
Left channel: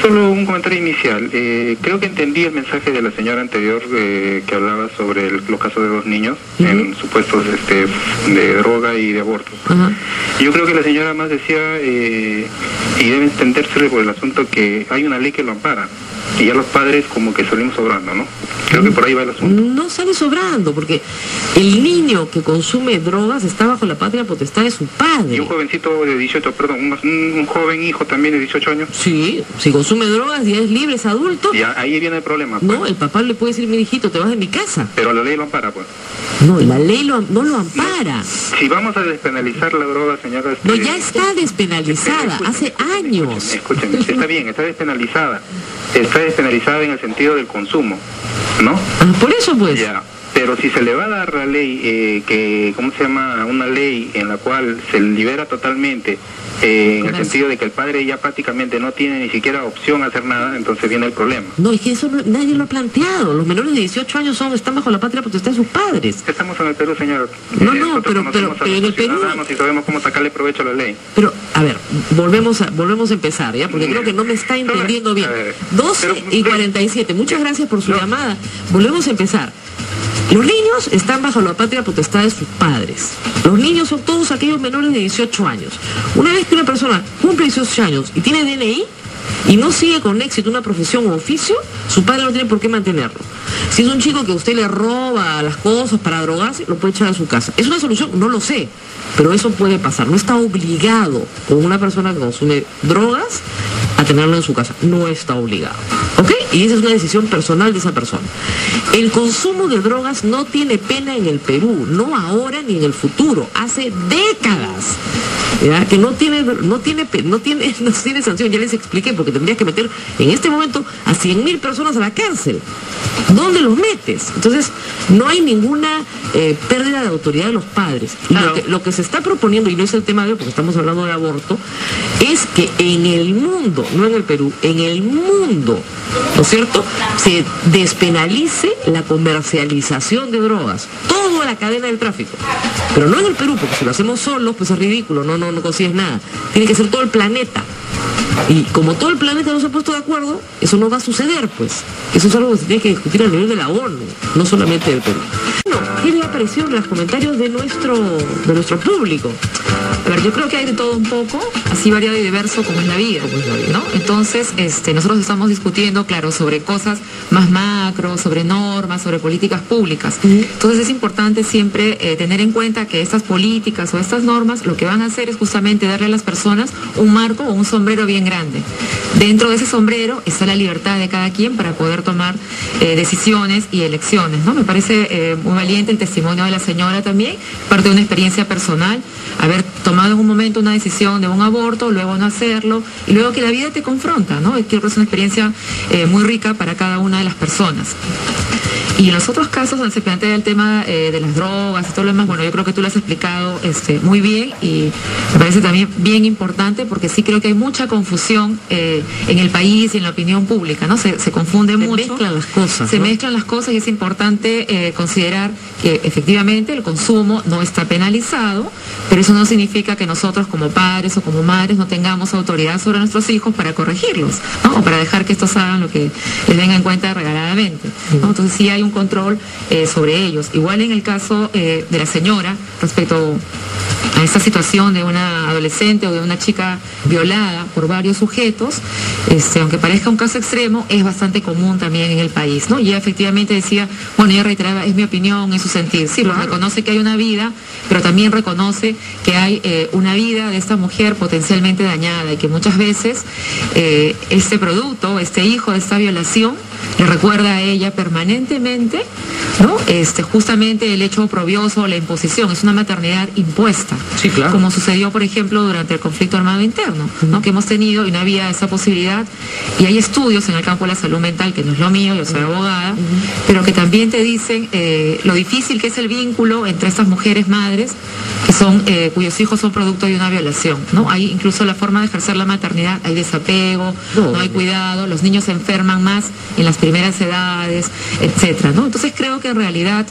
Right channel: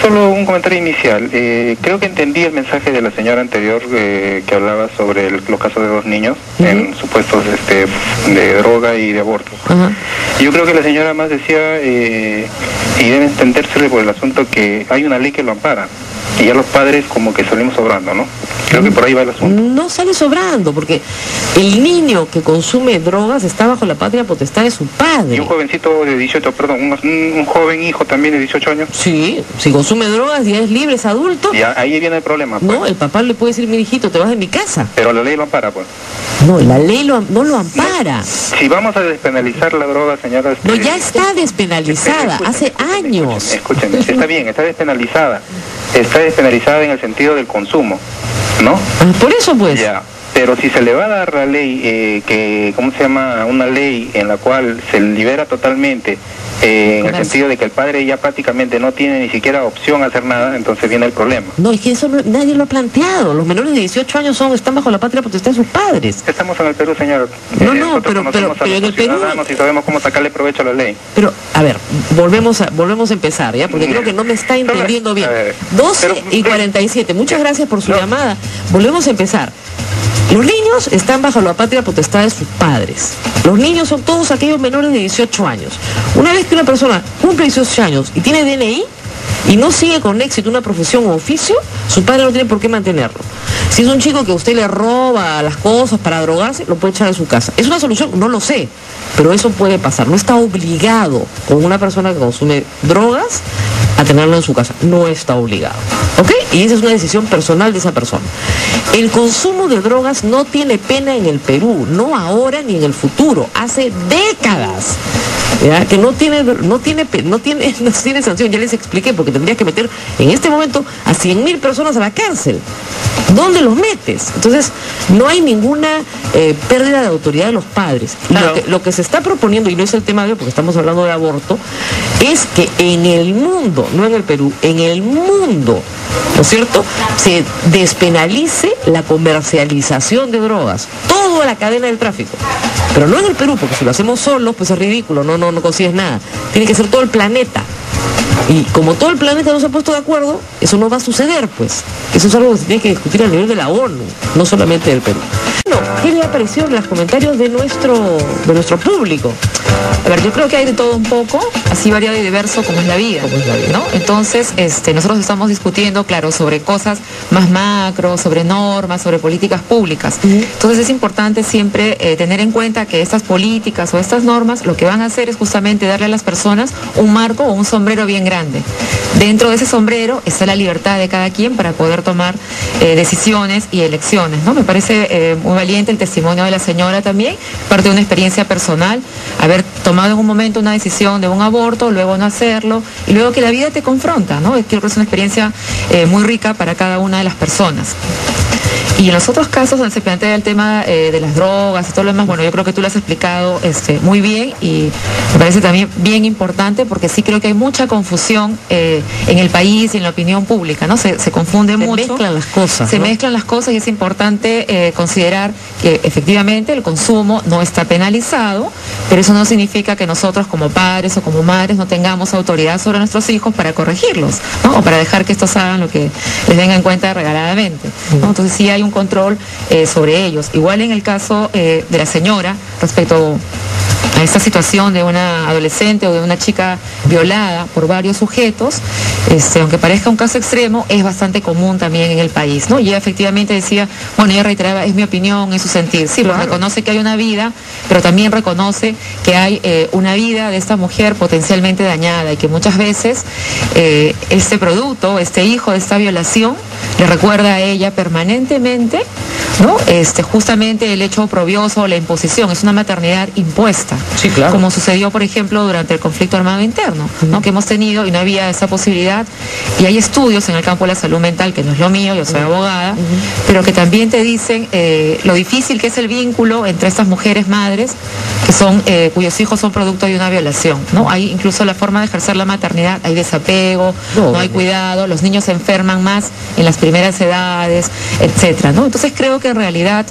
solo un comentario inicial. Creo que entendí el mensaje de la señora anterior que hablaba sobre los casos de 2 niños en supuestos de droga y de aborto. Yo creo que la señora más decía, y debe entenderse por el asunto que hay una ley que lo ampara. Y ya los padres como que salimos sobrando, ¿no? Creo que por ahí va el asunto. No sale sobrando, porque el niño que consume drogas está bajo la patria potestad de su padre. Y un jovencito de 18, perdón, un joven hijo también de 18 años. Sí, si consume drogas ya es libre, es adulto. Y ahí viene el problema, pues. No, el papá le puede decir, mi hijito, te vas de mi casa. Pero la ley lo ampara, pues. No, la ley no lo ampara. Si vamos a despenalizar la droga, señora... No, ya está despenalizada, hace años. Escúcheme, está bien, está despenalizada. Está despenalizada en el sentido del consumo, ¿no? Por eso, pues. Ya. Pero si se le va a dar la ley, ¿cómo se llama? Una ley en la cual se libera totalmente, en el sentido de que el padre ya prácticamente no tiene ni siquiera opción a hacer nada, entonces viene el problema. No, es que eso nadie lo ha planteado. Los menores de 18 años están bajo la patria potestad de sus padres. Estamos en el Perú, señor. Pero en el Perú... Y sabemos cómo sacarle provecho a la ley. Pero, a ver, volvemos a empezar, ¿ya? Porque creo que no me está entendiendo bien. 12:47, muchas gracias por su llamada. Volvemos a empezar. Los niños están bajo la patria potestad de sus padres. Los niños son todos aquellos menores de 18 años. Una vez que una persona cumple 18 años y tiene DNI y no sigue con éxito una profesión o oficio, su padre no tiene por qué mantenerlo. Si es un chico que usted le roba las cosas para drogarse, lo puede echar a su casa. ¿Es una solución? No lo sé, pero eso puede pasar. No está obligado con una persona que consume drogas a tenerlo en su casa. No está obligado. ¿Ok? Y esa es una decisión personal de esa persona. El consumo de drogas no tiene pena en el Perú, no ahora ni en el futuro, hace décadas. ¿Ya? Que no tiene sanción, ya les expliqué, porque tendrías que meter en este momento a 100.000 personas a la cárcel. ¿Dónde los metes? Entonces, no hay ninguna pérdida de autoridad de los padres. Claro. Lo que se está proponiendo, y no es el tema de hoy porque estamos hablando de aborto, es que en el mundo, no en el Perú, en el mundo, ¿no es cierto?, se despenalice la comercialización de drogas. Todo la cadena del tráfico. Pero no en el Perú, porque si lo hacemos solos, pues es ridículo, no consigues nada. Tiene que ser todo el planeta. Y como todo el planeta no se ha puesto de acuerdo, eso no va a suceder, pues. Eso es algo que se tiene que discutir a nivel de la ONU, no solamente del Perú. Bueno, ¿qué le ha parecido en los comentarios de nuestro público? A ver, yo creo que hay de todo un poco, así variado y diverso como es la vida, ¿no? Entonces, nosotros estamos discutiendo, claro, sobre cosas más macro, sobre normas, sobre políticas públicas. Entonces es importante siempre tener en cuenta que estas políticas o estas normas lo que van a hacer es justamente darle a las personas un marco o un sombrero bien grande. Dentro de ese sombrero está la libertad de cada quien para poder tomar decisiones y elecciones, ¿no? Me parece muy valiente el testimonio de la señora también, parte de una experiencia personal, haber tomado en un momento una decisión de un aborto, luego no hacerlo, y luego que la vida te confronta, ¿no? Creo que es una experiencia muy rica para cada una de las personas. Y en los otros casos donde se plantea el tema de las drogas y todo lo demás, bueno, yo creo que tú lo has explicado muy bien y me parece también bien importante porque sí creo que hay mucha confusión en el país y en la opinión pública, ¿no? Se confunde mucho. Se mezclan las cosas. Se mezclan las cosas y es importante considerar que efectivamente el consumo no está penalizado, pero eso no significa que nosotros como padres o como madres no tengamos autoridad sobre nuestros hijos para corregirlos, ¿no? O para dejar que estos hagan lo que les venga en cuenta regaladamente, ¿no? Entonces sí hay un control sobre ellos. Igual en el caso de la señora, respecto a esta situación de una adolescente o de una chica violada por varios sujetos, aunque parezca un caso extremo, es bastante común también en el país, ¿no? Y ella efectivamente decía, bueno, ella reiteraba, es mi opinión, es su sentir. Sí, claro. Reconoce que hay una vida, pero también reconoce que hay una vida de esta mujer potencialmente dañada y que muchas veces este producto, este hijo de esta violación, le recuerda a ella permanentemente, ¿no? Justamente el hecho oprobioso, la imposición, es una maternidad impuesta. Sí, claro. Como sucedió, por ejemplo, durante el conflicto armado interno, ¿no? Que hemos tenido y no había esa posibilidad. Y hay estudios en el campo de la salud mental, que no es lo mío, yo soy abogada, pero que también te dicen lo difícil que es el vínculo entre estas mujeres madres que son cuyos hijos son producto de una violación, ¿no? Hay incluso la forma de ejercer la maternidad, hay desapego, no hay cuidado, los niños se enferman más en las primeras edades, etcétera, ¿no? Entonces creo que en realidad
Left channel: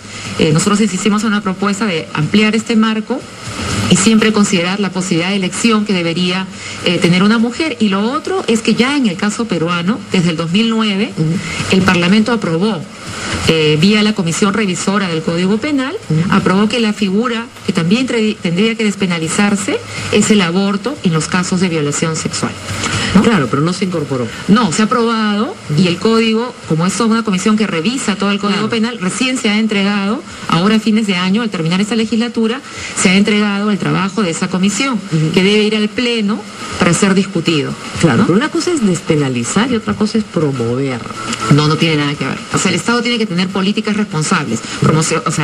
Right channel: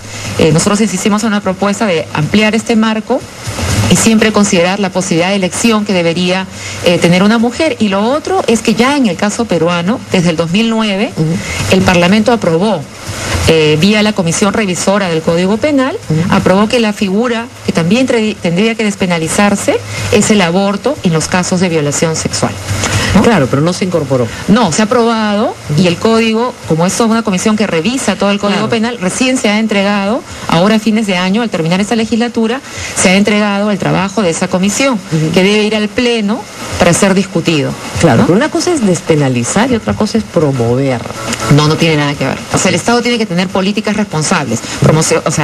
nosotros insistimos en una propuesta de ampliar este marco y siempre considerar la posibilidad de elección que debería tener una mujer. Y lo otro es que ya en el caso peruano, desde el 2009, el Parlamento aprobó, vía la Comisión Revisora del Código Penal, aprobó que la figura que también tendría que despenalizarse es el aborto en los casos de violación sexual, ¿no? Claro, pero no se incorporó. No, se ha aprobado y el código, como esto es una comisión que revisa todo el Código Penal, recién se ha entregado, ahora a fines de año, al terminar esta legislatura, se ha entregado el trabajo de esa comisión, que debe ir al Pleno para ser discutido. Claro, ¿no? pero una cosa es despenalizar y otra cosa es promover. No tiene nada que ver. O sea, el Estado tiene que tener políticas responsables.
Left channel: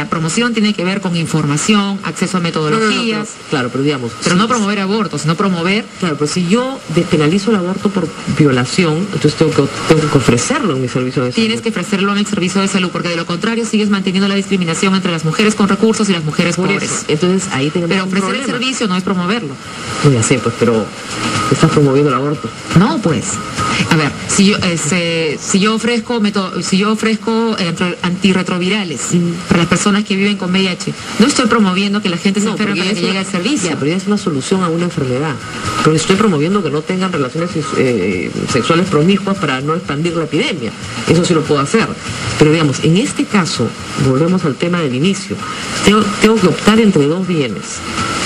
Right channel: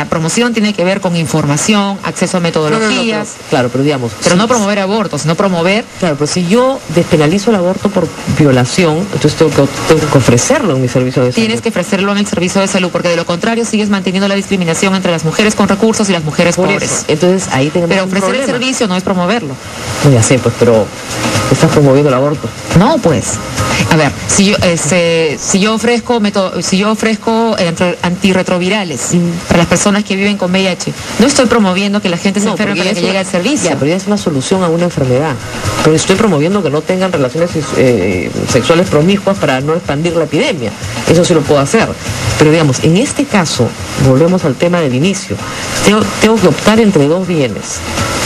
Promoción tiene que ver con información, acceso a metodologías. Claro, pero digamos... Pero no promover abortos, sino promover... Claro, pero si yo despenalizo el aborto por violación, entonces tengo que ofrecerlo en mi servicio de salud. Tienes que ofrecerlo en el servicio de salud, porque de lo contrario sigues manteniendo la discriminación entre las mujeres con recursos y las mujeres pobres. Entonces ahí tenemos Pero ofrecer el servicio no es promoverlo. No, ya sé, pues, pero estás promoviendo el aborto. No, pues. A ver, si yo ofrezco antirretrovirales para las personas que viven con VIH, no estoy promoviendo que la gente se enferme para que llegue al servicio. Ya, pero ya es una solución a una enfermedad. Pero estoy promoviendo que no tengan relaciones sexuales promiscuas para no expandir la epidemia. Eso sí lo puedo hacer. Pero digamos, en este caso, volvemos al tema del inicio. Tengo que optar entre dos bienes.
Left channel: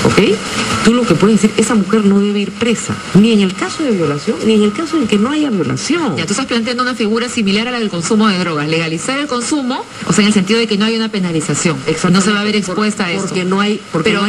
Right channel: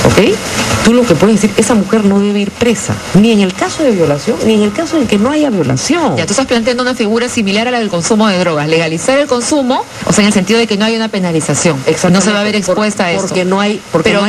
¿Ok? Tú lo que puedes decir, esa mujer no debe ir presa, ni en el caso de violación, ni en el caso en que no haya violación. Ya, tú estás planteando una figura similar a la del consumo de drogas, legalizar el consumo, o sea, en el sentido de que no hay una penalización, no se va a ver expuesta a esto. Porque no hay, pero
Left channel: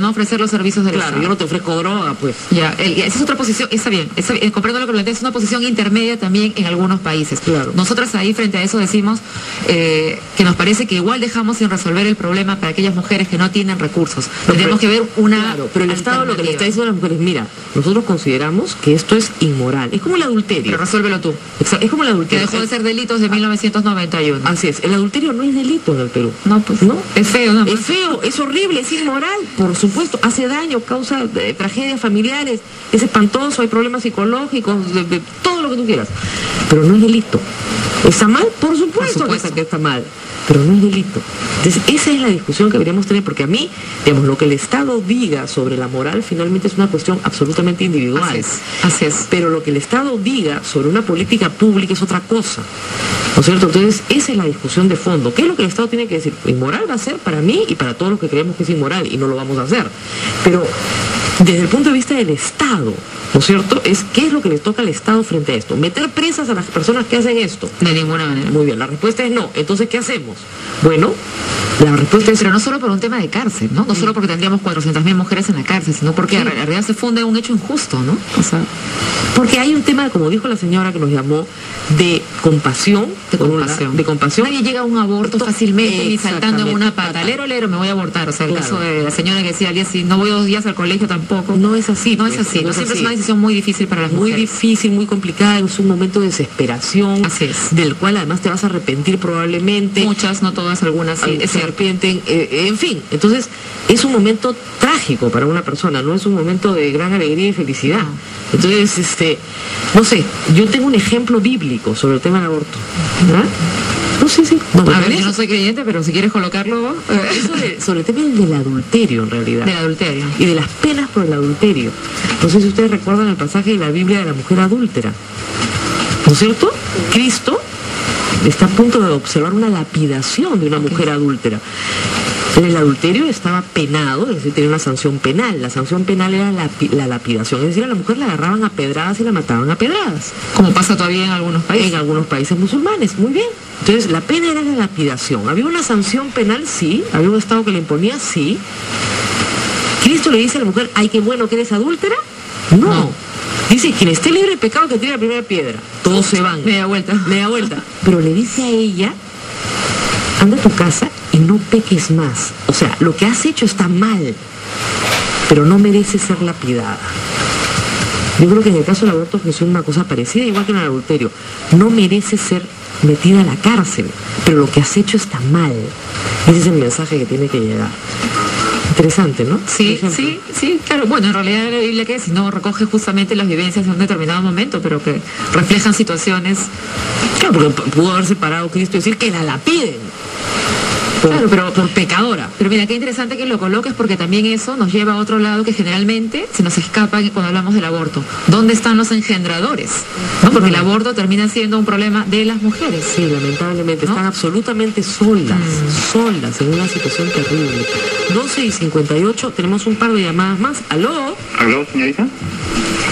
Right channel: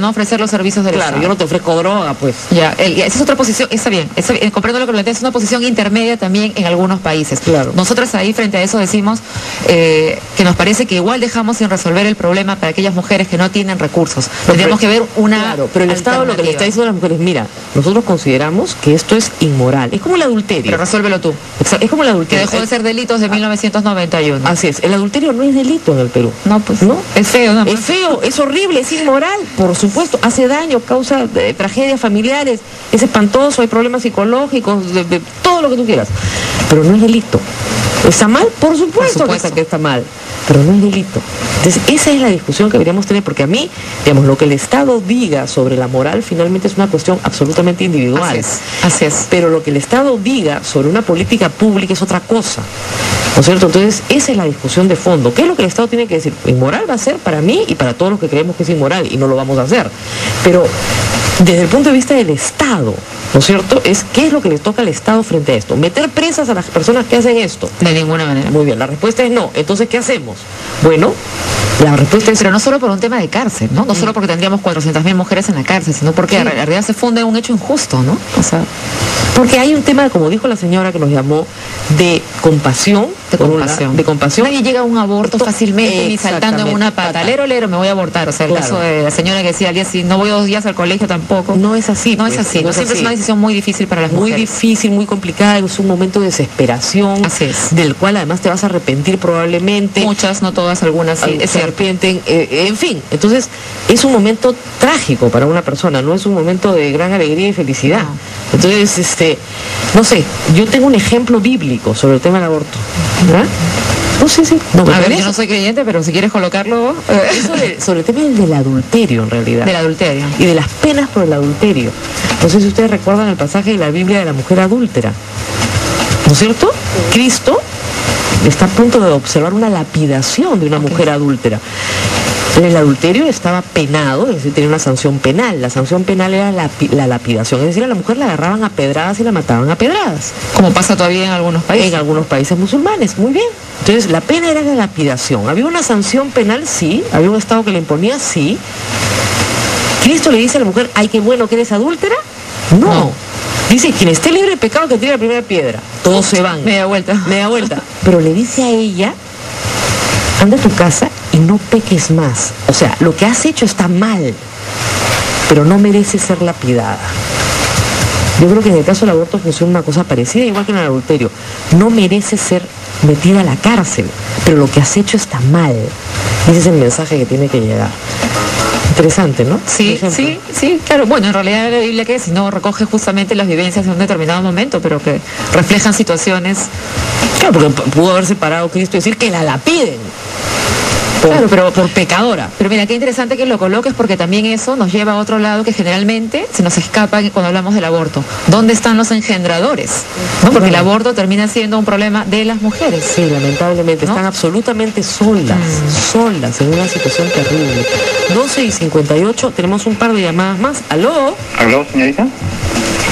no ofrecer los servicios del Estado. Claro, yo no te ofrezco droga, pues. Ya, esa es otra posición, está bien, comprendo lo que planteas, es una posición intermedia también en algunos países. Claro. Nosotras ahí frente a eso decimos que nos parece que igual dejamos sin resolver el problema para aquellas mujeres que no tienen recursos. Tendríamos que ver una... Claro, pero el Estado lo que le está diciendo a las mujeres, mira, nosotros consideramos que esto es inmoral. Es como el adulterio. Pero resuélvelo tú. Es como el adulterio. adulterio. Que dejó de ser delito desde 1991. Así es, el adulterio no es delito en el Perú. No, pues ¿No? es feo, ¿no? Es feo, es horrible, es inmoral, por supuesto, hace daño, causa tragedias familiares, es espantoso, hay problemas psicológicos, de todo lo que tú quieras, pero no es delito. ¿Está mal? Por supuesto que está mal, pero no es delito. Entonces, esa es la discusión que deberíamos tener, porque a mí, digamos, lo que el Estado diga sobre la moral finalmente es una cuestión absolutamente individual. Así es. Pero lo que el Estado diga sobre una política pública es otra cosa, ¿no es cierto? Entonces, esa es la discusión de fondo. ¿Qué es lo que el Estado tiene que decir? Inmoral va a ser para mí y para todos los que creemos que es inmoral, y no lo vamos a hacer. Pero desde el punto de vista del Estado, ¿no es cierto? Es qué es lo que le toca al Estado frente a esto. Meter presas a las personas que hacen esto. De ninguna manera. Muy bien, la respuesta es no. Entonces, ¿qué hacemos? Bueno, la respuesta es... Pero no solo por un tema de cárcel, ¿no? No solo porque tendríamos 400.000 mujeres en la cárcel, sino porque en realidad se funde un hecho injusto, ¿no? O sea, porque hay un tema, como dijo la señora que nos llamó, de compasión. De compasión. Nadie llega a un aborto fácilmente ni saltando en una pata. Lero, me voy a abortar. O sea, el caso de la señora que decía al día sí, no voy 2 días al colegio tampoco. No es así. No es así. Siempre es una decisión muy difícil para las mujeres. Muy difícil, muy complicada. Es un momento de desesperación. Así es. Del cual además te vas a arrepentir probablemente. Muchas, no todas, algunas sí. Se arrepienten. En fin, entonces es un momento trágico para una persona. No es un momento de gran alegría y felicidad. Entonces, no sé, yo tengo un ejemplo bíblico sobre el tema del aborto. ¿Verdad? No, sí. No, a ver, yo no soy creyente, pero si quieres colocarlo... sobre el tema del adulterio, en realidad. Del adulterio. Y de las penas por el adulterio. No sé si ustedes recuerdan el pasaje de la Biblia de la mujer adúltera. ¿No es cierto? Cristo está a punto de observar una lapidación de una mujer adúltera. El adulterio estaba penado, es decir, tenía una sanción penal. La sanción penal era la lapidación, es decir, a la mujer la agarraban a pedradas y la mataban a pedradas. Como pasa todavía en algunos países. En algunos países musulmanes, muy bien. Entonces, la pena era la lapidación. ¿Había una sanción penal? Sí. ¿Había un Estado que le imponía? Sí. ¿Cristo le dice a la mujer, ay, qué bueno que eres adúltera? No. Dice, quien esté libre de pecado que tire la primera piedra. Todos se van. Media vuelta. Pero le dice a ella, anda a tu casa y no peques más. O sea, lo que has hecho está mal, pero no merece ser lapidada. Yo creo que en el caso del aborto funciona una cosa parecida, igual que en el adulterio. No merece ser metida a la cárcel, pero lo que has hecho está mal. Ese es el mensaje que tiene que llegar. Interesante, ¿no? Sí, claro. Bueno, en realidad la Biblia que si no recoge justamente las vivencias de un determinado momento, pero que reflejan situaciones. Claro, porque pudo haberse parado Cristo y decir que la lapiden. Claro, pero por pecadora. Pero mira, qué interesante que lo coloques, porque también eso nos lleva a otro lado que generalmente se nos escapa cuando hablamos del aborto. ¿Dónde están los engendradores? ¿No? Porque el aborto termina siendo un problema de las mujeres. Sí, lamentablemente. ¿No? Están absolutamente solas en una situación terrible. 12:58, tenemos un par de llamadas más. ¿Aló? ¿Aló, señorita?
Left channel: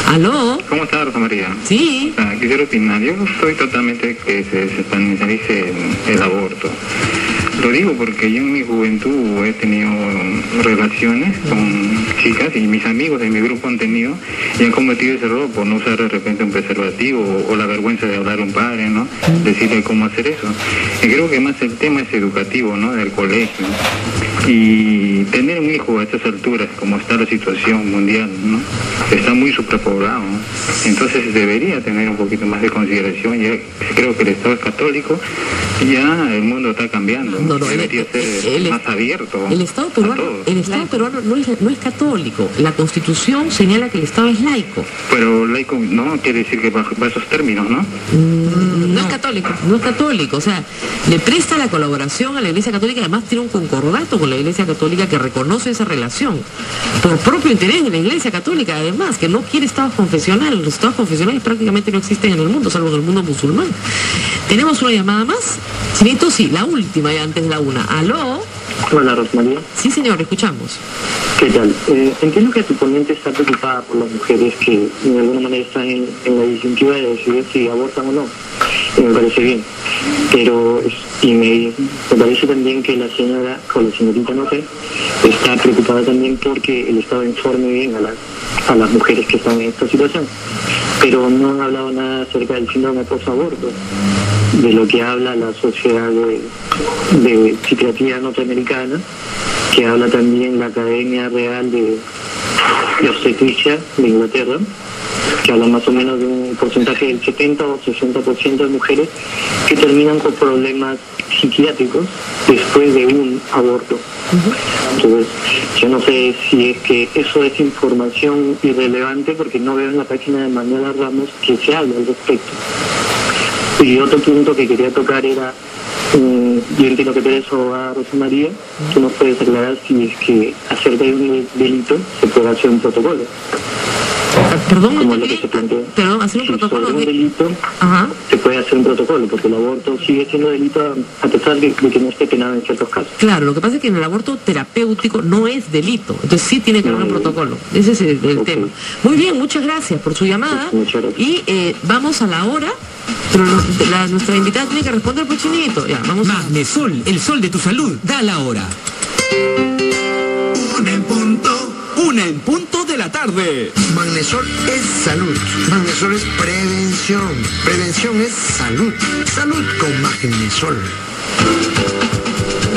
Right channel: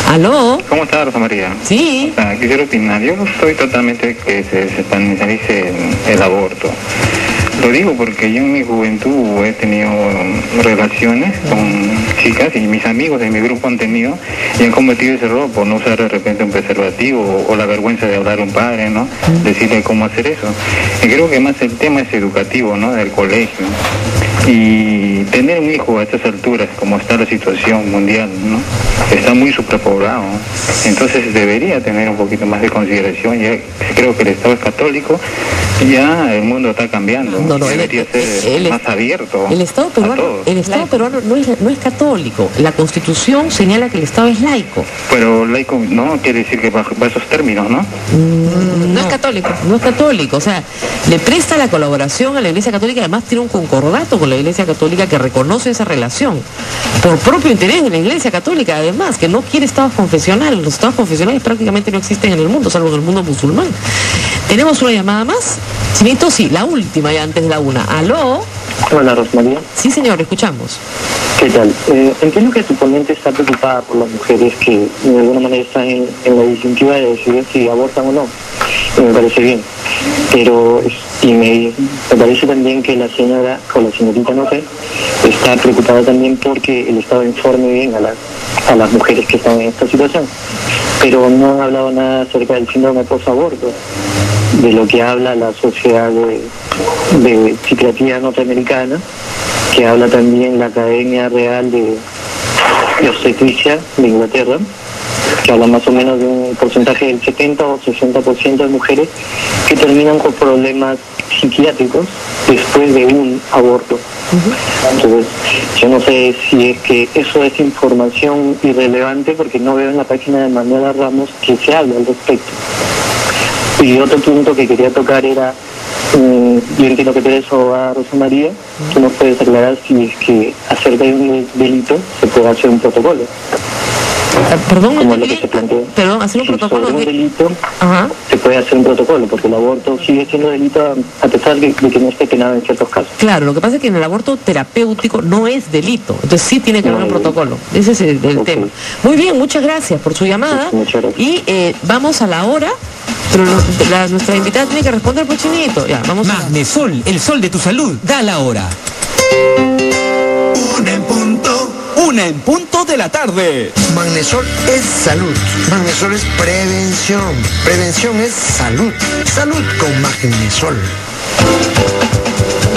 ¿Aló? ¿Cómo está, Rosa María? Sí. O sea, quisiera opinar. Yo no estoy totalmente que se satanizarice el aborto. Lo digo porque yo en mi juventud he tenido relaciones con chicas y mis amigos de mi grupo han tenido y han cometido ese error por no usar de repente un preservativo o la vergüenza de hablar a un padre, ¿no? Decirle cómo hacer eso. Y creo que más el tema es educativo, ¿no? Del colegio. Y tener un hijo a estas alturas, como está la situación mundial, ¿no? Está muy superpoblado, ¿no? Entonces debería tener un poquito más de consideración. Ya creo que el Estado es católico, ya el mundo está cambiando. Debería ser más abierto. El Estado peruano no es católico. La Constitución señala que el Estado es laico. Pero laico no quiere decir que bajo esos términos, ¿no? No es católico. No es católico. O sea, le presta la colaboración a la Iglesia Católica, además tiene un concordato con la Iglesia Católica que reconoce esa relación. Por propio interés de la Iglesia Católica, además, que no quiere estados confesionales. Los estados confesionales prácticamente no existen en el mundo, salvo en el mundo musulmán. ¿Tenemos una llamada más? Chinito, sí, la última ya antes de la una. ¿Aló? Hola, Rosmaría. Sí, señor, escuchamos. ¿Qué tal? Entiendo que tu ponente está preocupada por las mujeres que de alguna manera están en la disyuntiva de decidir si abortan o no. Y me parece bien. Pero me parece también que la señora, o la señorita, no sé, está preocupada también porque el Estado informe bien a las mujeres que están en esta situación. Pero no han hablado nada acerca del síndrome post-aborto, de lo que habla la Sociedad de Psiquiatría Norteamericana, que habla también la Academia Real de Obstetricia de Inglaterra, que habla más o menos de un porcentaje del 70 o 60% de mujeres que terminan con problemas psiquiátricos después de un aborto. Entonces, yo no sé si es que eso es información irrelevante porque no veo en la página de Manuela Ramos que se hable al respecto. Y otro punto que quería tocar era, yo entiendo que tú eres abogada, Rosa María, tú nos puedes aclarar si es que acerca de un delito se puede hacer un protocolo. Perdón, Como es lo que se plantea. Perdón, hacer un Si protocolo sobre un de... delito Ajá. se puede hacer un protocolo, porque el aborto sigue siendo delito a pesar de que no esté penado en ciertos casos. Claro, lo que pasa es que en el aborto terapéutico no es delito, entonces sí tiene que haber un protocolo. Ese es el tema. Muy bien, muchas gracias por su llamada. Pues, muchas gracias. Y vamos a la hora, pero nuestra invitada tiene que responder por Chinito. Ya, vamos a... Magnesol, el sol de tu salud, da la hora. 1:00 de la tarde. Magnesol es salud. Magnesol es prevención. Prevención es salud. Salud con Magnesol.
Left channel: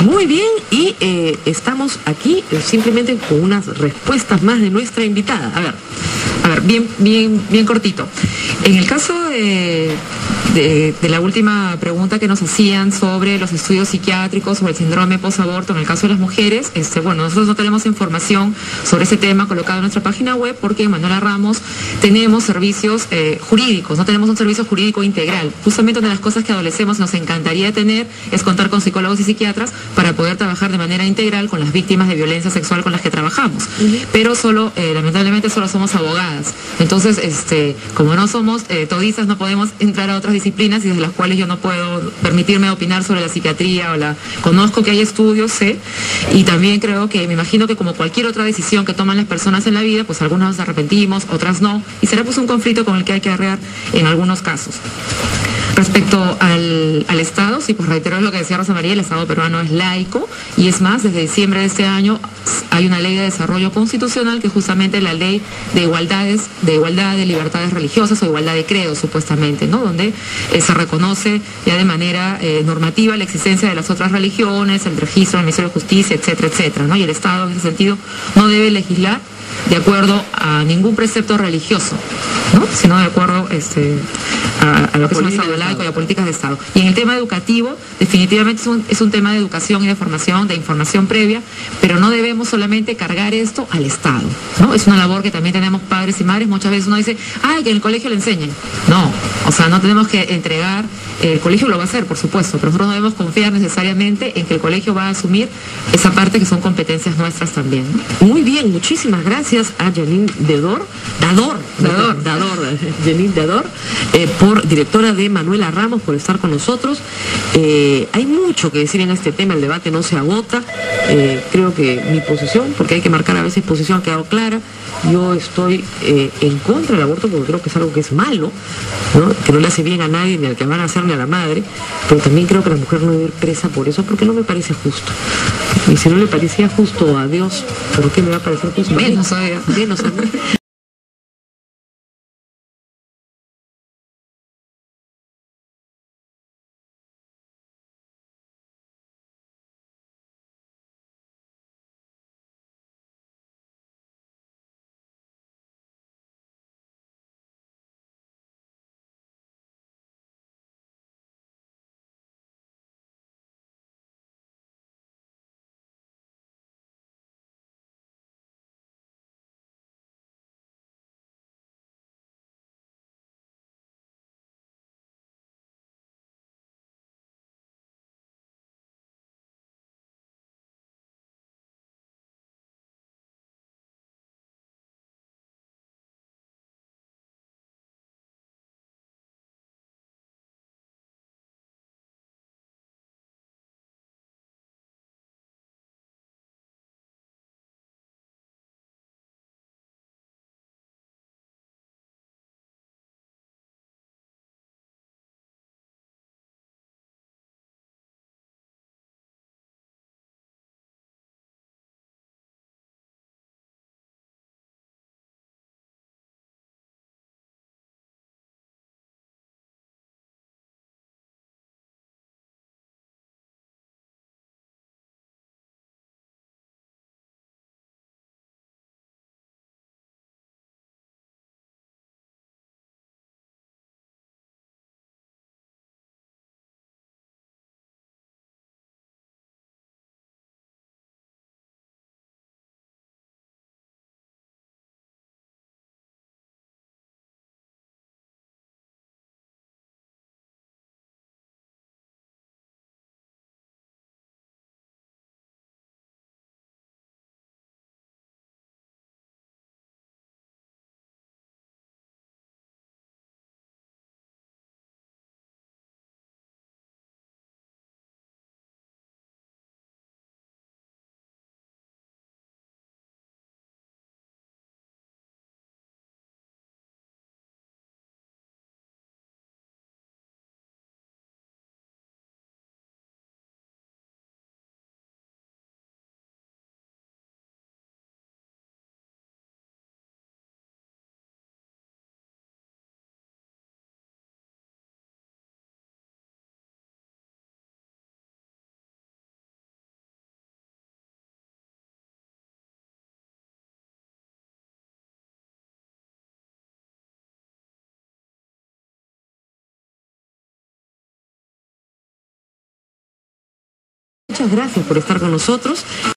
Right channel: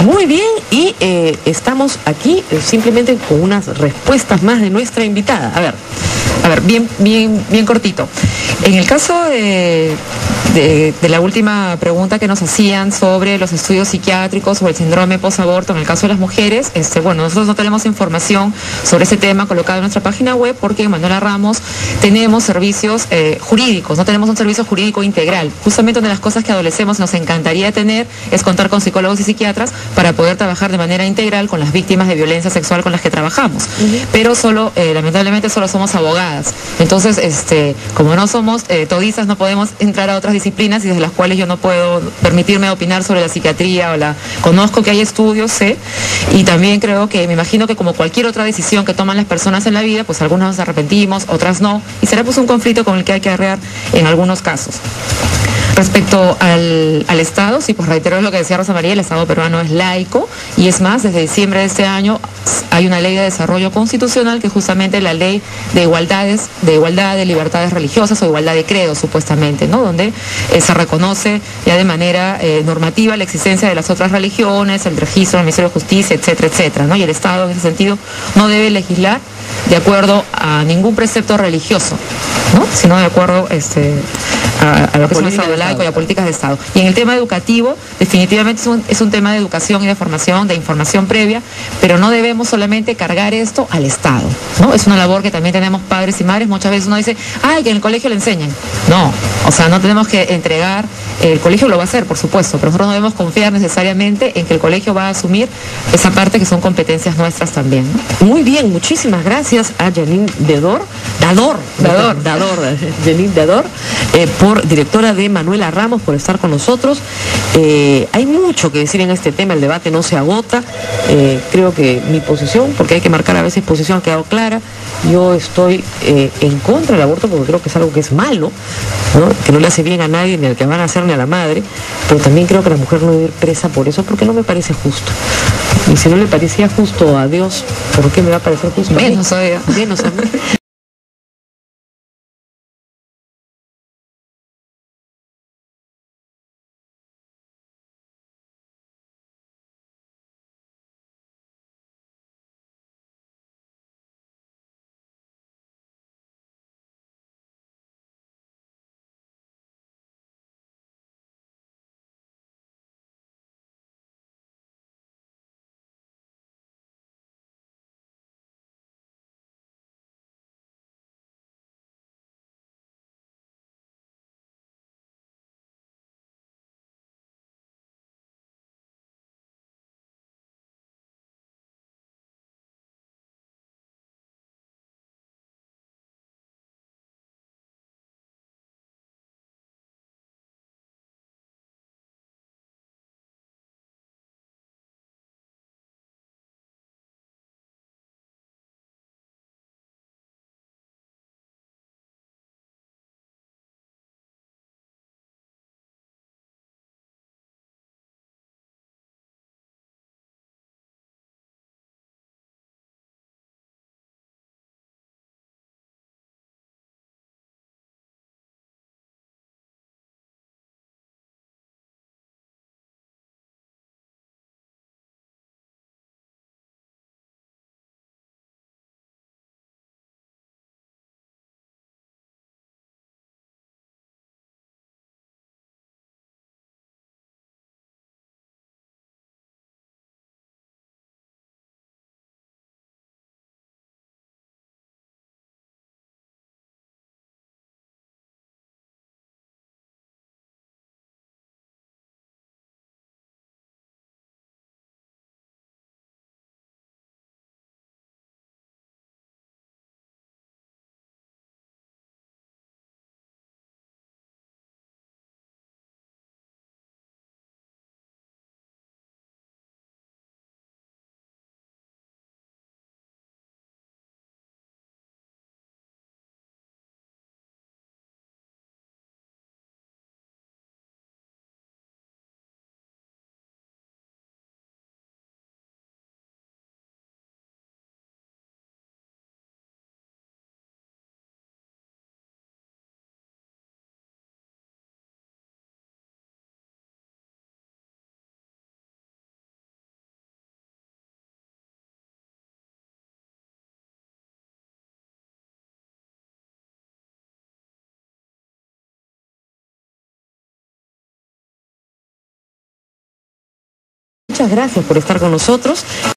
Muy bien, y estamos aquí simplemente con unas respuestas más de nuestra invitada. A ver, bien cortito. En el caso de la última pregunta que nos hacían sobre los estudios psiquiátricos, sobre el síndrome posaborto, en el caso de las mujeres, bueno, nosotros no tenemos información sobre ese tema colocado en nuestra página web porque en Manuela Ramos tenemos servicios jurídicos, no tenemos un servicio jurídico integral. Justamente una de las cosas que adolecemos nos encantaría tener es contar con psicólogos y psiquiatras para poder trabajar de manera integral con las víctimas de violencia sexual con las que trabajamos. Pero lamentablemente solo somos abogadas. Entonces, como no somos todistas, no podemos entrar a otras disciplinas y desde las cuales yo no puedo permitirme opinar sobre la psiquiatría conozco que hay estudios, sé, y también creo que, me imagino que como cualquier otra decisión que toman las personas en la vida, pues algunas nos arrepentimos, otras no, y será pues un conflicto con el que hay que arrear en algunos casos. Respecto al Estado, sí, pues reitero lo que decía Rosa María, el Estado peruano es laico y es más, desde diciembre de este año hay una ley de desarrollo constitucional que es justamente la ley de igualdad de libertades religiosas o igualdad de credo, supuestamente, ¿no? Donde se reconoce ya de manera normativa la existencia de las otras religiones, el registro del Ministerio de Justicia, etcétera, etcétera, ¿no? Y el Estado en ese sentido no debe legislar de acuerdo a ningún precepto religioso, ¿no? Sino de acuerdo a lo que es un Estado laico y a políticas de Estado. Y en el tema educativo, definitivamente es un tema de educación y de formación, de información previa, pero no debemos solamente cargar esto al Estado, ¿no? Es una labor que también tenemos padres y madres. Muchas veces uno dice, que en el colegio le enseñen. No, o sea, no tenemos que entregar, el colegio lo va a hacer, por supuesto, pero nosotros no debemos confiar necesariamente en que el colegio va a asumir esa parte que son competencias nuestras también. Muy bien, muchísimas gracias a Janine Dador, directora de Manuela Ramos, por estar con nosotros. Hay mucho que decir en este tema, el debate no se agota. Creo que mi posición, porque hay que marcar a veces posición, ha quedado clara. Yo estoy en contra del aborto porque creo que es algo que es malo, ¿no? Que no le hace bien a nadie, ni al que van a hacer ni a la madre, pero también creo que la mujer no debe ir presa por eso, porque no me parece justo. Y si no le parecía justo a Dios, ¿por qué me va a parecer justo? Menos a ella. Menos a mí. Muchas gracias por estar con nosotros.